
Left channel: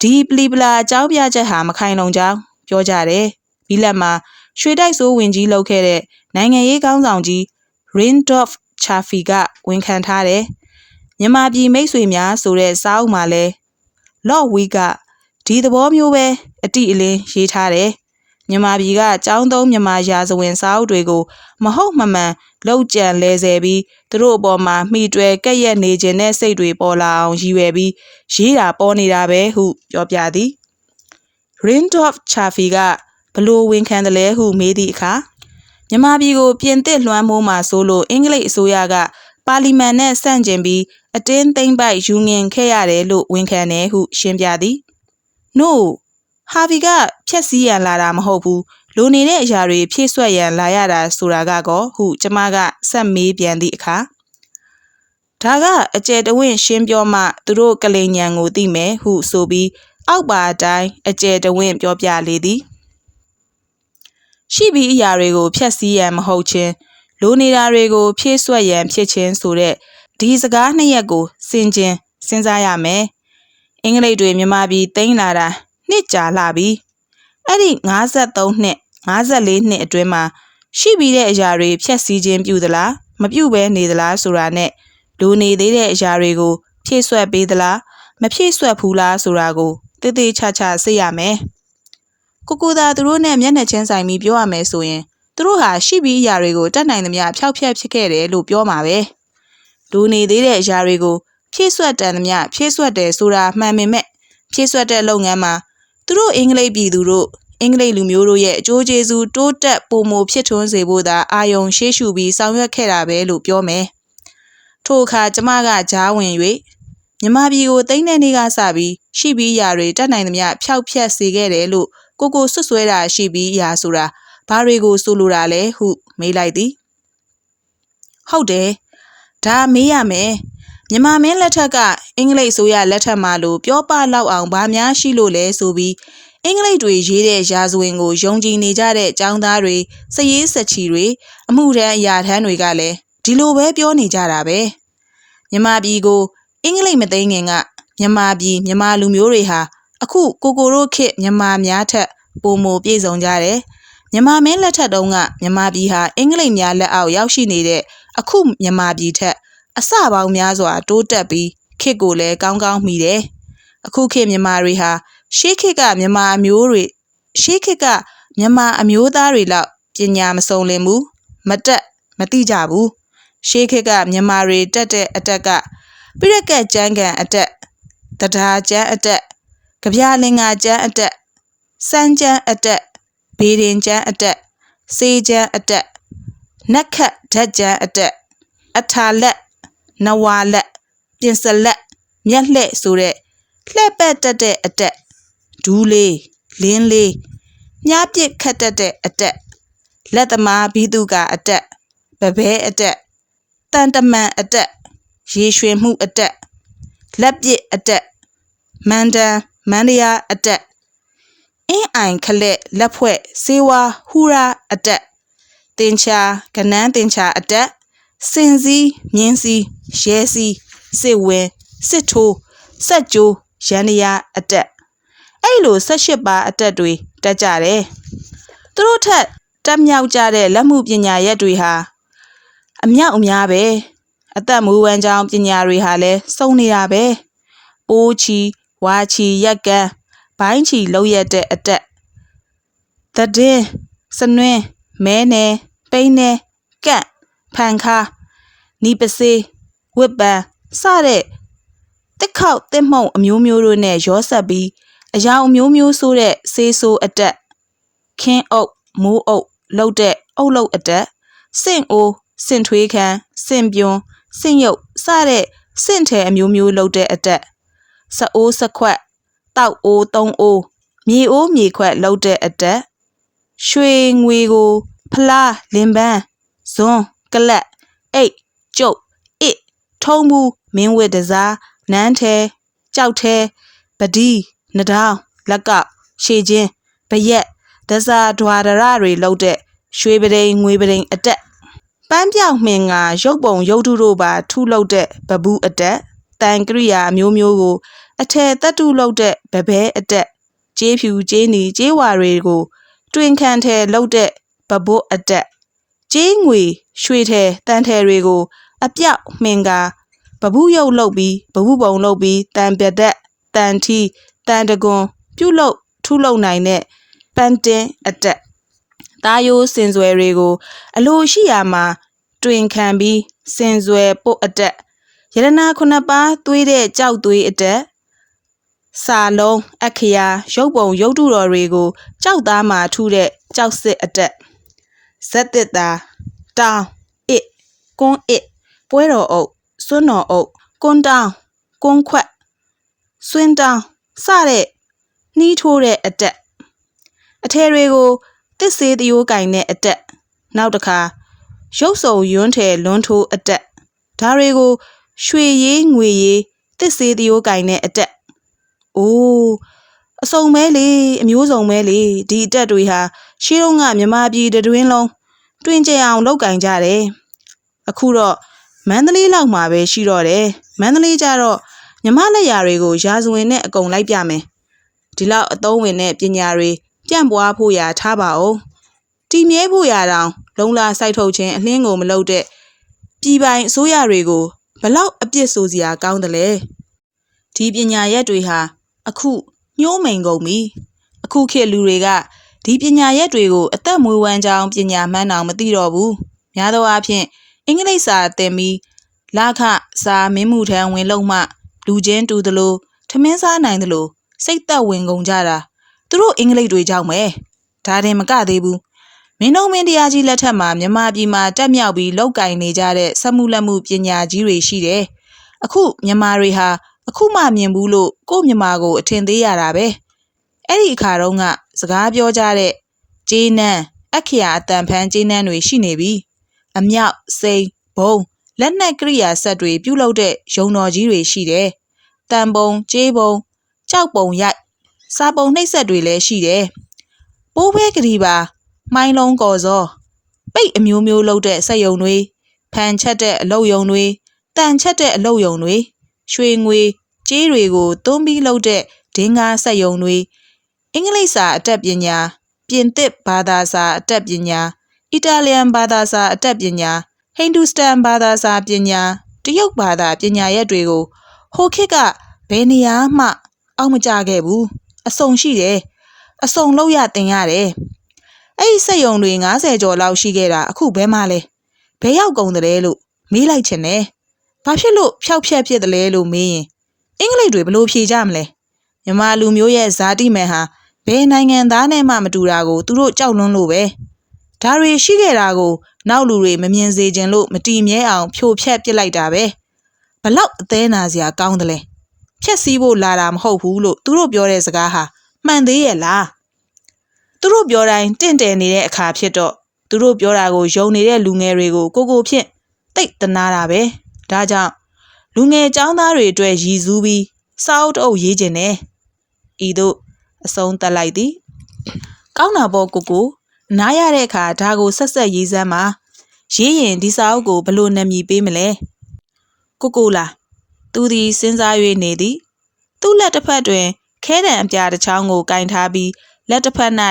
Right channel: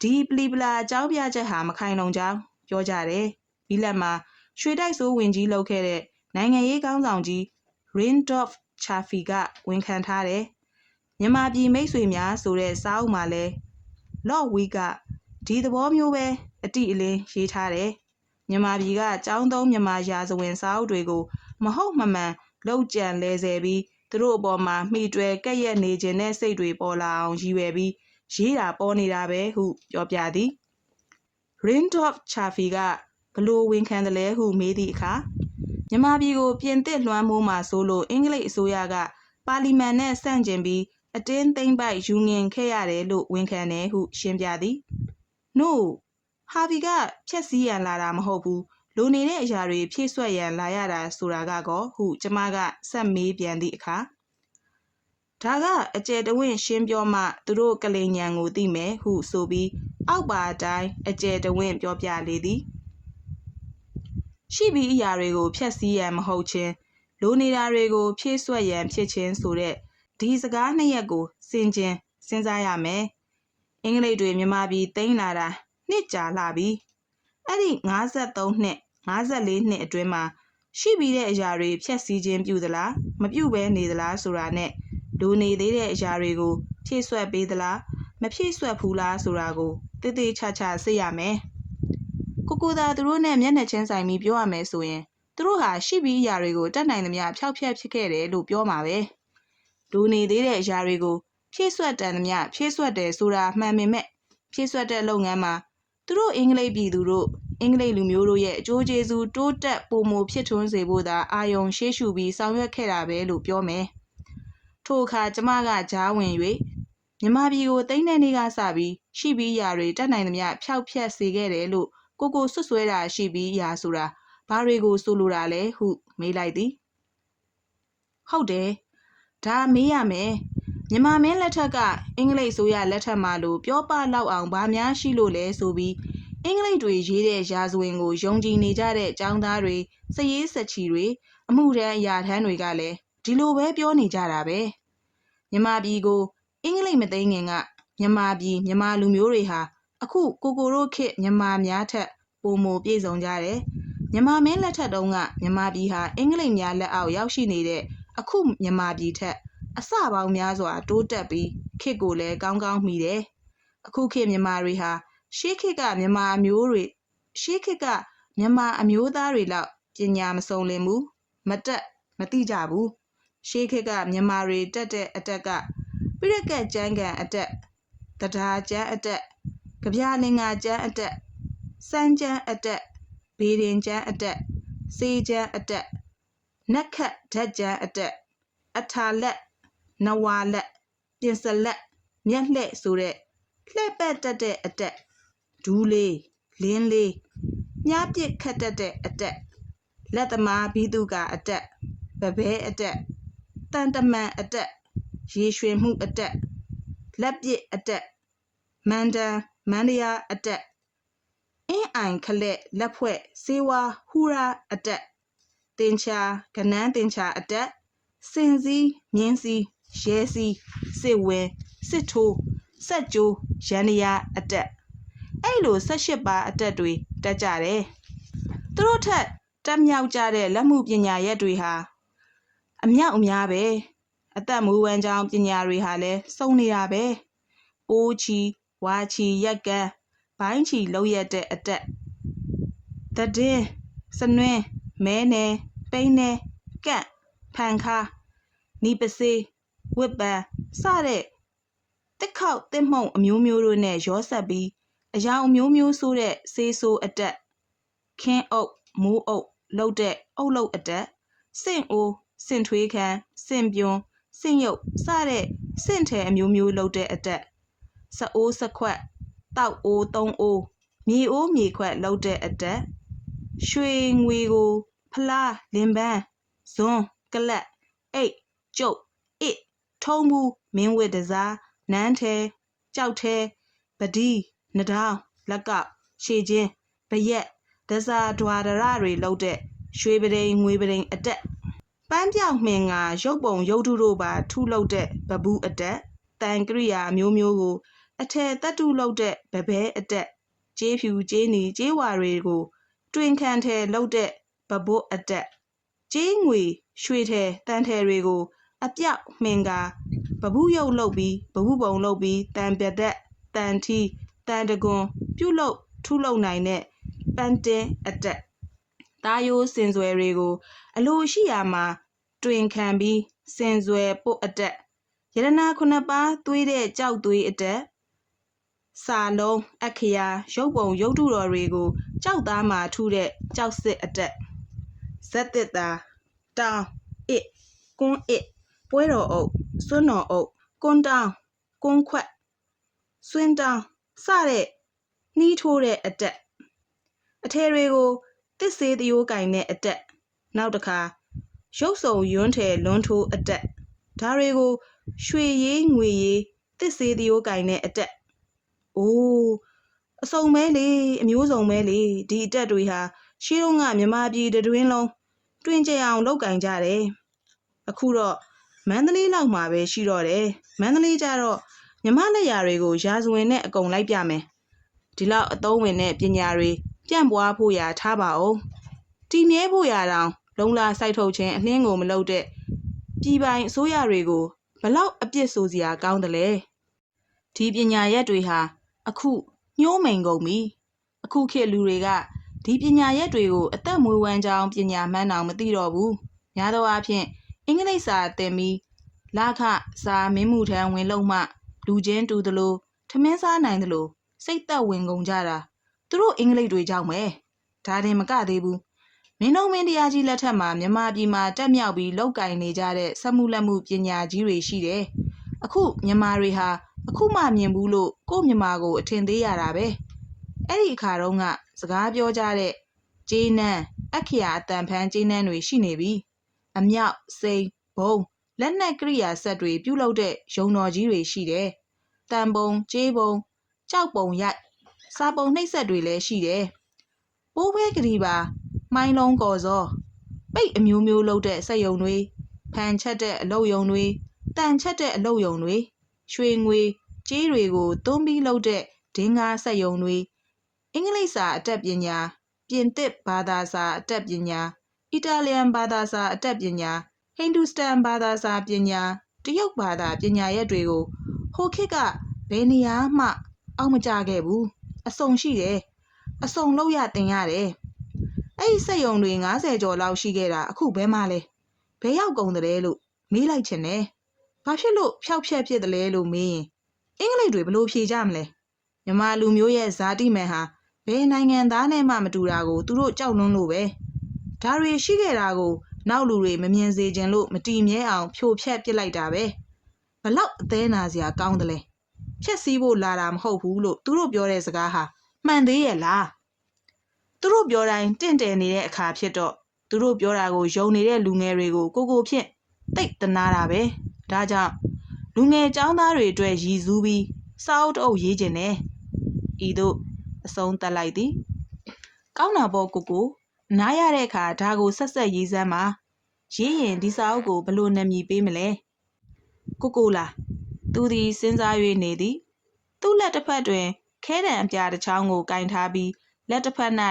ဒီပလီပလာအကြောင်းပြချက်ဟာမခိုင်လုံကြောင်းပြောကြတယ်ဘီလက်မှာရွှေတိုက်စိုးဝင်ကြီးလုပ်ခဲ့တဲ့ နိုင်ငံရေးကောင်းဆောင်ကြီး Rindolph Chaffee ကဝန်ခံထားတယ်မြန်မာပြည်မိတ်ဆွေများဆိုတဲ့စာအုပ်မှာလဲ Lord Wee ကဒီသဘောမျိုးပဲအတိအလင်းရေးထားတယ်မြန်မာပြည်ကចောင်းသုံးမြန်မာရာဇဝင်စာအုပ်တွေကိုမဟုတ်မမှန်လောက်ကြံလဲဆယ်ပြီးသူတို့အပေါ်မှာမှီတွယ်ကဲ့ရဲ့နေခြင်းတဲ့စိတ်တွေပေါ်လာအောင်ရည်ရွယ်ပြီးရေးတာပေါ်နေတာပဲဟုပြောပြသည် Rindolph Chaffee ကဘလို့ဝန်ခံတယ်လဲဟုမေးသည့်အခါ မြန်မာပြည်ကိုပြင်သစ်လွှမ်းမိုးမှာဆိုလို့အင်္ဂလိပ်အစိုးရကပါလီမန်နဲ့ဆန့်ကျင်ပြီးအတင်းသိမ့်ပိုက်ယူငင်ခဲ့ရတယ်လို့ဝန်ခံတယ်ဟုရှင်းပြသည် No ဟာဗီကဖြက်စီးရန်လာတာမဟုတ်ဘူးလိုနေတဲ့အရာတွေဖြည့်ဆွက်ရန်လာရတာဆိုတာကကောဟုကျမကဆက်မေးပြန်သည့်အခါဒါကအကျယ်တဝင့်ရှင်းပြောမှသူတို့ကလိန်ညံကိုသိမယ်ဟုဆိုပြီးအောက်ပါအတိုင်းအကျယ်တဝင့်ပြောပြလေသည် ရှိပြီးအရာတွေကိုဖျက်ဆီးရန်မဟုတ်ခြင်းလိုနေတာတွေကိုဖြည့်ဆွက်ရန်ဖြစ်ခြင်းဆိုတဲ့ဒီစကားနှစ်ရက်ကိုစင်ကျင်စဉ်းစားရမယ်အင်္ဂလိပ်တွေမြန်မာပြည်တိမ့်လာတာနှစ်ကြာလာပြီအဲ့ဒီ53နှစ်54နှစ်အတွင်းမှာရှိပြီးတဲ့အရာတွေဖြက်စီးခြင်းပြုသလားမပြုဘဲနေသလားဆိုတာနဲ့လိုနေသေးတဲ့အရာတွေကိုဖြည့်ဆွက်ပေးသလားမဖြည့်ဆွက်ဘူးလားဆိုတာကိုတည်တည်ချာချာသိရမယ် ကိုကိုသာသူတို့နဲ့မျက်နှာချင်းဆိုင်ပြီးပြောရမယ်ဆိုရင်သူတို့ဟာရှိပြီးအရာတွေကိုတတ်နိုင်သမျှဖျောက်ဖျက်ဖြစ်ခဲ့တယ်လို့ပြောမှာပဲလိုနေသေးတဲ့အရာတွေကိုဖြည့်ဆွက်တန်သမျှဖြည့်ဆွက်တယ်ဆိုတာမှန်ပေမဲ့ဖြည့်ဆွက်တဲ့လုပ်ငန်းမှာသူတို့အင်္ဂလိပ်ပြည်သူတို့အင်္ဂလိပ်လူမျိုးတို့ရဲ့အကျိုးကျေးဇူးတိုးတက်ပိုမိုဖြစ်ထွန်းစေဖို့သာအာယုံရှေးရှုပြီးဆောင်ရွက်ခဲ့တာပဲလို့ပြောမယ်။ထို့အခါကျမကကြားဝင်၍မြမပြည်ကိုတိမ့်တဲ့နေ့ကစပြီးရှိပြီးရာတွေတက်နိုင်သမျှဖျောက်ဖျက်စေခဲ့တယ်လို့ ကိုကိုဆွဆွဲတာရှိပြီးရာဆိုတာဘာတွေကိုဆိုလိုတာလဲဟုမေးလိုက်သည်။ဟုတ်တယ်။ဒါမေးရမယ်။မြန်မာမင်းလက်ထက်ကအင်္ဂလိပ်ဆိုရလက်ထက်မှာလို့ပြောပလောက်အောင်ဗာများရှိလို့လဲဆိုပြီးအင်္ဂလိပ်တွေရေးတဲ့ရာဇဝင်ကိုယုံကြည်နေကြတဲ့ចောင်းသားတွေစည်ရေးစချီတွေအမှုထမ်းအရာထမ်းတွေကလည်းဒီလိုပဲပြောနေကြတာပဲမြမပြည်ကိုအင်္ဂလိပ်မသိငင်ကမြန်မာပြည်မြန်မာလူမျိုးတွေဟာ အခုကိုကိုတို့ခေတ်မြန်မာများထက်ပိုမိုပြည့်စုံကြတယ်မြန်မာမင်းလက်ထက်တုန်းကမြန်မာပြည်ဟာအင်္ဂလိပ်များလက်အောက်ရောက်ရှိနေတဲ့အခုမြန်မာပြည်ထက်အစပေါင်းများစွာ တိုးတက်ပြီးခေတ်ကိုလည်းကောင်းကောင်းမိတယ်အခုခေတ်မြန်မာတွေဟာရှေးခေတ်ကမြန်မာအမျိုးတွေရှေးခေတ်ကမြန်မာအမျိုးသားတွေလောက်ပညာမစုံလင်ဘူးမတက်မသိကြဘူးရှေးခေတ်ကမြန်မာတွေတက်တဲ့အတက်ကပြရက်ကက်ကျန်းကန်အတက်တရားကျန်းအတက် ကြပြလင်္ကာကျန်းအတက်စမ်းကျန်းအတက်ဘေးရင်ကျန်းအတက်စေးကျန်းအတက်နက်ခတ်ဓာတ်ကျန်းအတက်အထာလက်နဝါလက်ပြင်စလက်မျက်လှဲ့ဆိုတဲ့လှဲ့ပတ်တက်တဲ့အတက်ဒူးလေးလင်းလေးမြားပစ်ခတ်တတ်တဲ့အတက်လက်သမားဘီသူကအတက်ပပဲအတက်တန်တမန်အတက်ရေရွှေမှုအတက်လက်ပစ်အတက်မန္တန် မန္တရာအတက်အင်းအိုင်ခလက်လက်ဖွဲ့စေဝါဟူရာအတက်တင်ချာကနန်းတင်ချာအတက်စင်စည်းမြင်းစည်းရဲစည်းစစ်ဝင်းစစ်ထိုးစက်ကြိုးရန်ရယာအတက်အဲ့လို18ပါအတက်တွေတက်ကြတယ်သူတို့ထက်တက်မြောက်ကြတဲ့လက်မှုပညာရက်တွေဟာအမြောက်အများပဲအသက်မူဝမ်းကြောင်းပညာတွေဟာလည်းစုံနေတာပဲပိုးချီ ဝါချီရက်ကန်ဘိုင်းချီလောက်ရက်တဲ့အတက်သတဲ့စနွင်းမဲနယ်ပိန်းနယ်ကန့်ဖန်ခါနီပစေးဝစ်ပန်စတဲ့တစ်ခေါက်တစ်မှုံအမျိုးမျိုးတို့နဲ့ရောဆက်ပြီးအယောင်အမျိုးမျိုးဆိုတဲ့ဆေးဆိုးအတက်ခင်းအုပ်မိုးအုပ်လှုပ်တဲ့အုပ်လှုပ်အတက်စင့်အိုးစင့်ထွေးခမ်းစင့်ပြွန်းစင့်ရုပ်စတဲ့စင့်ထဲအမျိုးမျိုးလှုပ်တဲ့အတက် စအိုးစခွက်တောက်အိုးသုံးအိုးမြေအိုးမြေခွက်လှုပ်တဲ့အတက်ရွှေငွေကို ဖလားလင်ပန်းဇွန်းကလတ်အိတ်ကျုပ်အစ်ထုံးဘူးမင်းဝစ်တစားနန်းထဲကြောက်ထဲပဒီနဒေါင်းလက်ကရှေချင်းဗရက်ဒဇာဒွာဒရတွေလှုပ်တဲ့ရွှေပဒိန်ငွေပဒိန်အတက်ပန်းပြောင်မှင်ကရုပ်ပုံရုပ်ထုတို့ပါထုလုပ်တဲ့ဘဘူးအတက်တန်ကရိယာအမျိုးမျိုးကို အထယ်တက်တုလုပ်တဲ့ဗဘဲအတက်ကျေးဖြူကျေးနီကျေးဝါတွေကိုတွင်ခံထဲလုပ်တဲ့ဘဘွတ်အတက်ကျေးငွေရွှေထဲတန်ထဲတွေကို အပြောက်မှင်ကာဘဘူးရုပ်လုပ်ပြီးဘဘူးပုံလုပ်ပြီးတန်ပြသက်တန်ထီတန်တကွန်ပြုတ်လုပ်ထုလုပ်နိုင်တဲ့ပန်းတင်းအတက်တာယိုးစင်စွယ်တွေကို အလိုရှိရာမှာ တွင်ခံပြီးစင်စွယ်ပုတ်အတက်ရတနာခုနှစ်ပါးသွေးတဲ့ကြောက်သွေးအတက် စာလုံးအခရာရုပ်ပုံရုပ်တုတော်တွေကိုကြောက်သားမှာထုတဲ့ကြောက်စစ်အတက်ဇက်တစ်တာတောင်းအစ်ကွန်းအစ်ပွဲတော်အုပ်စွန်းတော်အုပ်ကွန်းတောင်းကွန်းခွက်စွင်းတောင်းစတဲ့နှီးထိုးတဲ့အတက်အထယ်တွေကိုတစ်စေးတရိုးကင်တဲ့အတက်နောက်တစ်ခါရုပ်စုံယွန်းထယ်လွန်းထိုးအတက်ဒါတွေကိုရွှေရည်ငွေရည်တစ်စေးတရိုးကင်တဲ့အတက် အိုးအစုံမဲလေအမျိုးစုံမဲလေဒီအတက်တွေဟာရှေးတုန်းကမြမပြည်တွင်လုံးတွင်ကြအောင်လောက်ကင်ကြတယ်အခုတော့မန္တလေးလောက်မှာပဲရှိတော့တယ်မန္တလေးကျတော့မြမလက်ရာတွေကိုရာဇဝင်နဲ့အကုန်လိုက်ပြမယ်ဒီလောက်အသုံးဝင်တဲ့ပညာတွေပြန့်ပွားဖို့ရာထားပါအောင်တည်မြဲဖို့ရာတောင်လုံလာစိုက်ထုတ်ခြင်းအလင်းကိုမလုပ်တဲ့ပြည်ပိုင်အစိုးရတွေကိုဘလောက်အပြစ်ဆိုစရာကောင်းတယ်လဲဒီပညာရက်တွေဟာ အခုညှိုးမိန်ကုန်ပြီအခုခေတ်လူတွေကဒီပညာရက်တွေကိုအသက်မွေးဝမ်းကြောင်းပညာမှန်းအောင်မသိတော့ဘူးများသောအားဖြင့်အင်္ဂလိပ်စာသင်ပြီးလခစာမင်းမှုထံဝင်လုံးမှလူချင်းတူသလိုထမင်းစားနိုင်သလိုစိတ်သက်ဝင်ကုန်ကြတာသူတို့အင်္ဂလိပ်တွေကြောင့်ပဲဒါတင်မကသေးဘူးမင်းတို့မင်းတရားကြီးလက်ထက်မှာမြန်မာပြည်မှာတက်မြောက်ပြီးလောက်ကင်နေကြတဲ့စက်မှုလက်မှုပညာကြီးတွေရှိတယ်အခုမြန်မာတွေဟာ အခုမှမြင်ဘူးလို့ကို့မြန်မာကိုအထင်သေးရတာပဲအဲ့ဒီအခါတုန်းကစကားပြောကြတဲ့ဂျေးနန်းအခရာအတန်ဖန်းဂျေးနန်းတွေရှိနေပြီအမြောက်စိန်ဘုံလက်နက်ကရိယာဆက်တွေပြုလုပ်တဲ့ရုံတော်ကြီးတွေရှိတယ်တန်ပုံကျေးပုံကြောက်ပုံရိုက်စာပုံနှိပ်ဆက်တွေလည်းရှိတယ်ပိုးဘဲကလေးပါမိုင်းလုံးကော်စောပိတ်အမျိုးမျိုးလုပ်တဲ့စက်ယုံတွေဖန်ချက်တဲ့အလုပ်ယုံတွေတန်ချက်တဲ့အလုပ်ယုံတွေ ရွှေငွေကြေးတွေကိုသွန်းပြီးလုပ်တဲ့ဒင်္ဂါစက်ယုံတွေအင်္ဂလိပ်စာအတတ်ပညာပြင်သစ်ဘာသာစာအတတ်ပညာအီတာလီယန်ဘာသာစာအတတ်ပညာဟိန္ဒူစတန်ဘာသာစာပညာတရုတ်ဘာသာပညာရက်တွေကိုဟိုခေတ်ကဘယ်နေရာမှအောက်မကြခဲ့ဘူးအစုံရှိတယ်အစုံလောက်ရတင်ရတယ်အဲ့ဒီစက်ယုံတွေ90ကျော်လောက်ရှိခဲ့တာအခုဘယ်မှလဲဘယ်ရောက်ကုန်တယ်လို့မေးလိုက်ချင်တယ် ဘာဖြစ်လို့ဖျောက်ဖျက်ဖြစ်တယ်လဲလို့မေးရင်အင်္ဂလိပ်တွေဘယ်လိုဖြေကြမလဲမြန်မာလူမျိုးရဲ့ဇာတိမယ်ဟာဘယ်နိုင်ငံသားနဲ့မှမတူတာကိုသူတို့ကြောက်လွန်းလို့ပဲဒါတွေရှိခဲ့တာကို နောက်လူတွေမမြင်စေခြင်းလို့မတီမြဲအောင်ဖြိုဖျက်ပစ်လိုက်တာပဲဘလောက်အသေးနာစရာကောင်းတယ်လဲဖြက်စီးဖို့လာတာမဟုတ်ဘူးလို့သူတို့ပြောတဲ့စကားဟာမှန်သေးရဲ့လားသူတို့ပြောတိုင်းတင့်တယ်နေတဲ့အခါဖြစ်တော့သူတို့ပြောတာကိုယုံနေတဲ့လူငယ်တွေကိုကိုကိုဖြင့်တိတ်တနာတာပဲ ဒါကြောင့်လူငယ်ចောင်းသားတွေအတွက်ရည်စူးပြီးစာအုပ်တအုပ်ရေးခြင်းနဲ့ဤသို့အဆုံးသတ်လိုက်သည်ကောင်းတာပေါ့ကိုကိုနားရတဲ့အခါဒါကိုဆက်ဆက်ရေးစမ်းပါရေးရင်ဒီစာအုပ်ကိုဘယ်လိုနာမည်ပေးမလဲကိုကိုလားသူသည်စဉ်းစား၍နေသည်သူ့လက်တစ်ဖက်တွင်ခဲတံအပြားတစ်ချောင်းကိုကင်ထားပြီးလက်တစ်ဖက်၌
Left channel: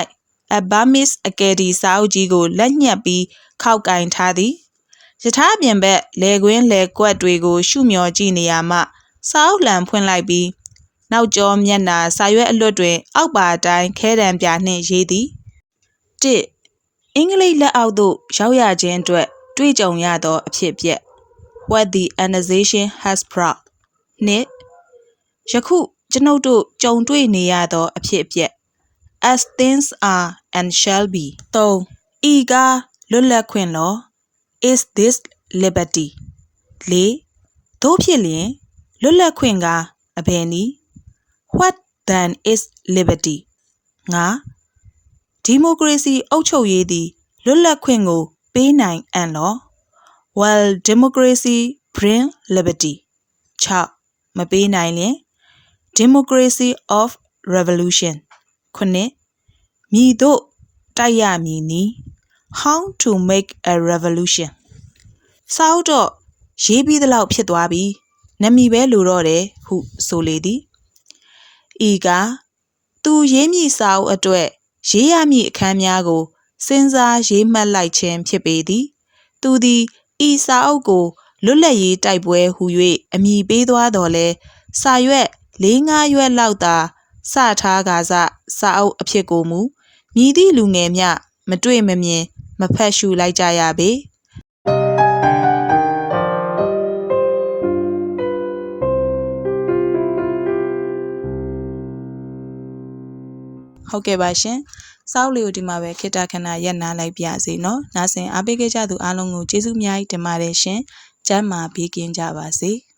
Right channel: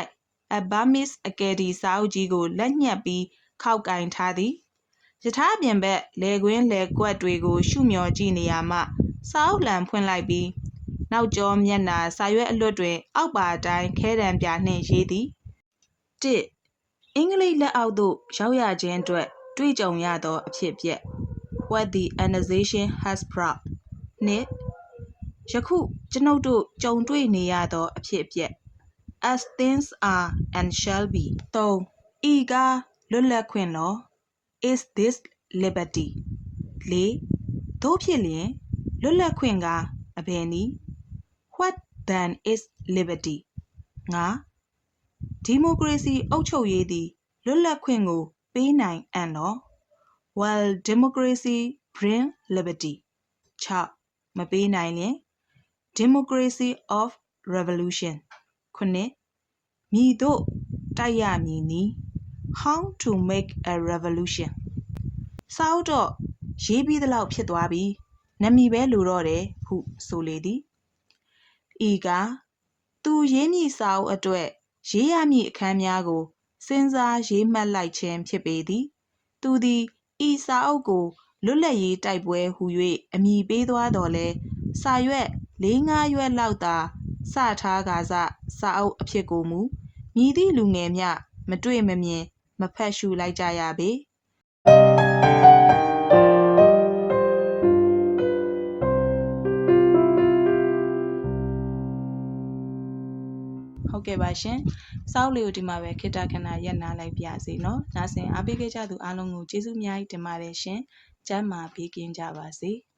A Burmese Academy စာအုပ်ကြီးကိုလက်ညှက်ပြီးခောက်ကင်ထားသည် ယထာပြင်ဘက်လေကွင်းလေကွက်တွေကို ရှုမျောကြည့်နေရမှစာအုပ်လှံဖွင့်လိုက်ပြီးနောက်ကျောမျက်နာစာရွက်အလွတ်တွင် အောက်ပါအတိုင်းခဲတံပြာနှင့်ရေးသည်တစ်အင်္ဂလိပ်လက်အောက်သို့ရောက်ရခြင်းအတွက်တွေ့ကြုံရသောအဖြစ်အပျက် what the organization has brought နှစ်ယခုကျွန်ုပ်တို့ကြုံတွေ့နေရသောအဖြစ်အပျက် as things are and shall be 3ဤကားလွတ်လပ်ခွင့်လော is this liberty 4တို့ဖြစ်လျင်လွတ်လပ်ခွင့်ကအဘယ်နည်း what then is liberty 5ဒီမိုကရေစီအုပ်ချုပ်ရေးသည်လွတ်လပ်ခွင့်ကို ပေးနိုင်အံ့လော while democracy bring liberty 6မပေးနိုင်လျင် democracy of revolution ခုနှစ်မြည်တို့တိုက်ရမည်နီး how to make a revolution စာအုပ်တော့ရေးပြီးသလောက်ဖြစ်သွားပြီနမီပဲလိုတော့တယ်ဟုဆိုလေသည်ဤကသူရေးမည့်စာအုပ်အတွက်ရေးရမည့်အခန်းများကိုစဉ်းစားရေးမှတ်လိုက်ခြင်းဖြစ်ပေသည် သူသည်ဤစာအုပ်ကိုလွတ်လပ်ရေးတိုက်ပွဲဟူ၍အမည်ပေးသွားတော်လဲစာရွက်၄၅ရွက်လောက်သာစထားကာစစာအုပ်အဖြစ်ကိုမူမြည်သည့်လူငယ်မြမတွေ့မမြင် မဖတ်ရှုလိုက်ကြရပေဟုတ်ကဲ့ပါရှင်။စောက်လေးကိုဒီမှာပဲခိတခဏရက်နာလိုက်ပြစေနော်။နားဆင်အားပေးခဲ့ကြသူအားလုံးကိုကျေးဇူးအများကြီးတင်ပါတယ်ရှင်။ကျမ်းမာဘေးကင်းကြပါစေ။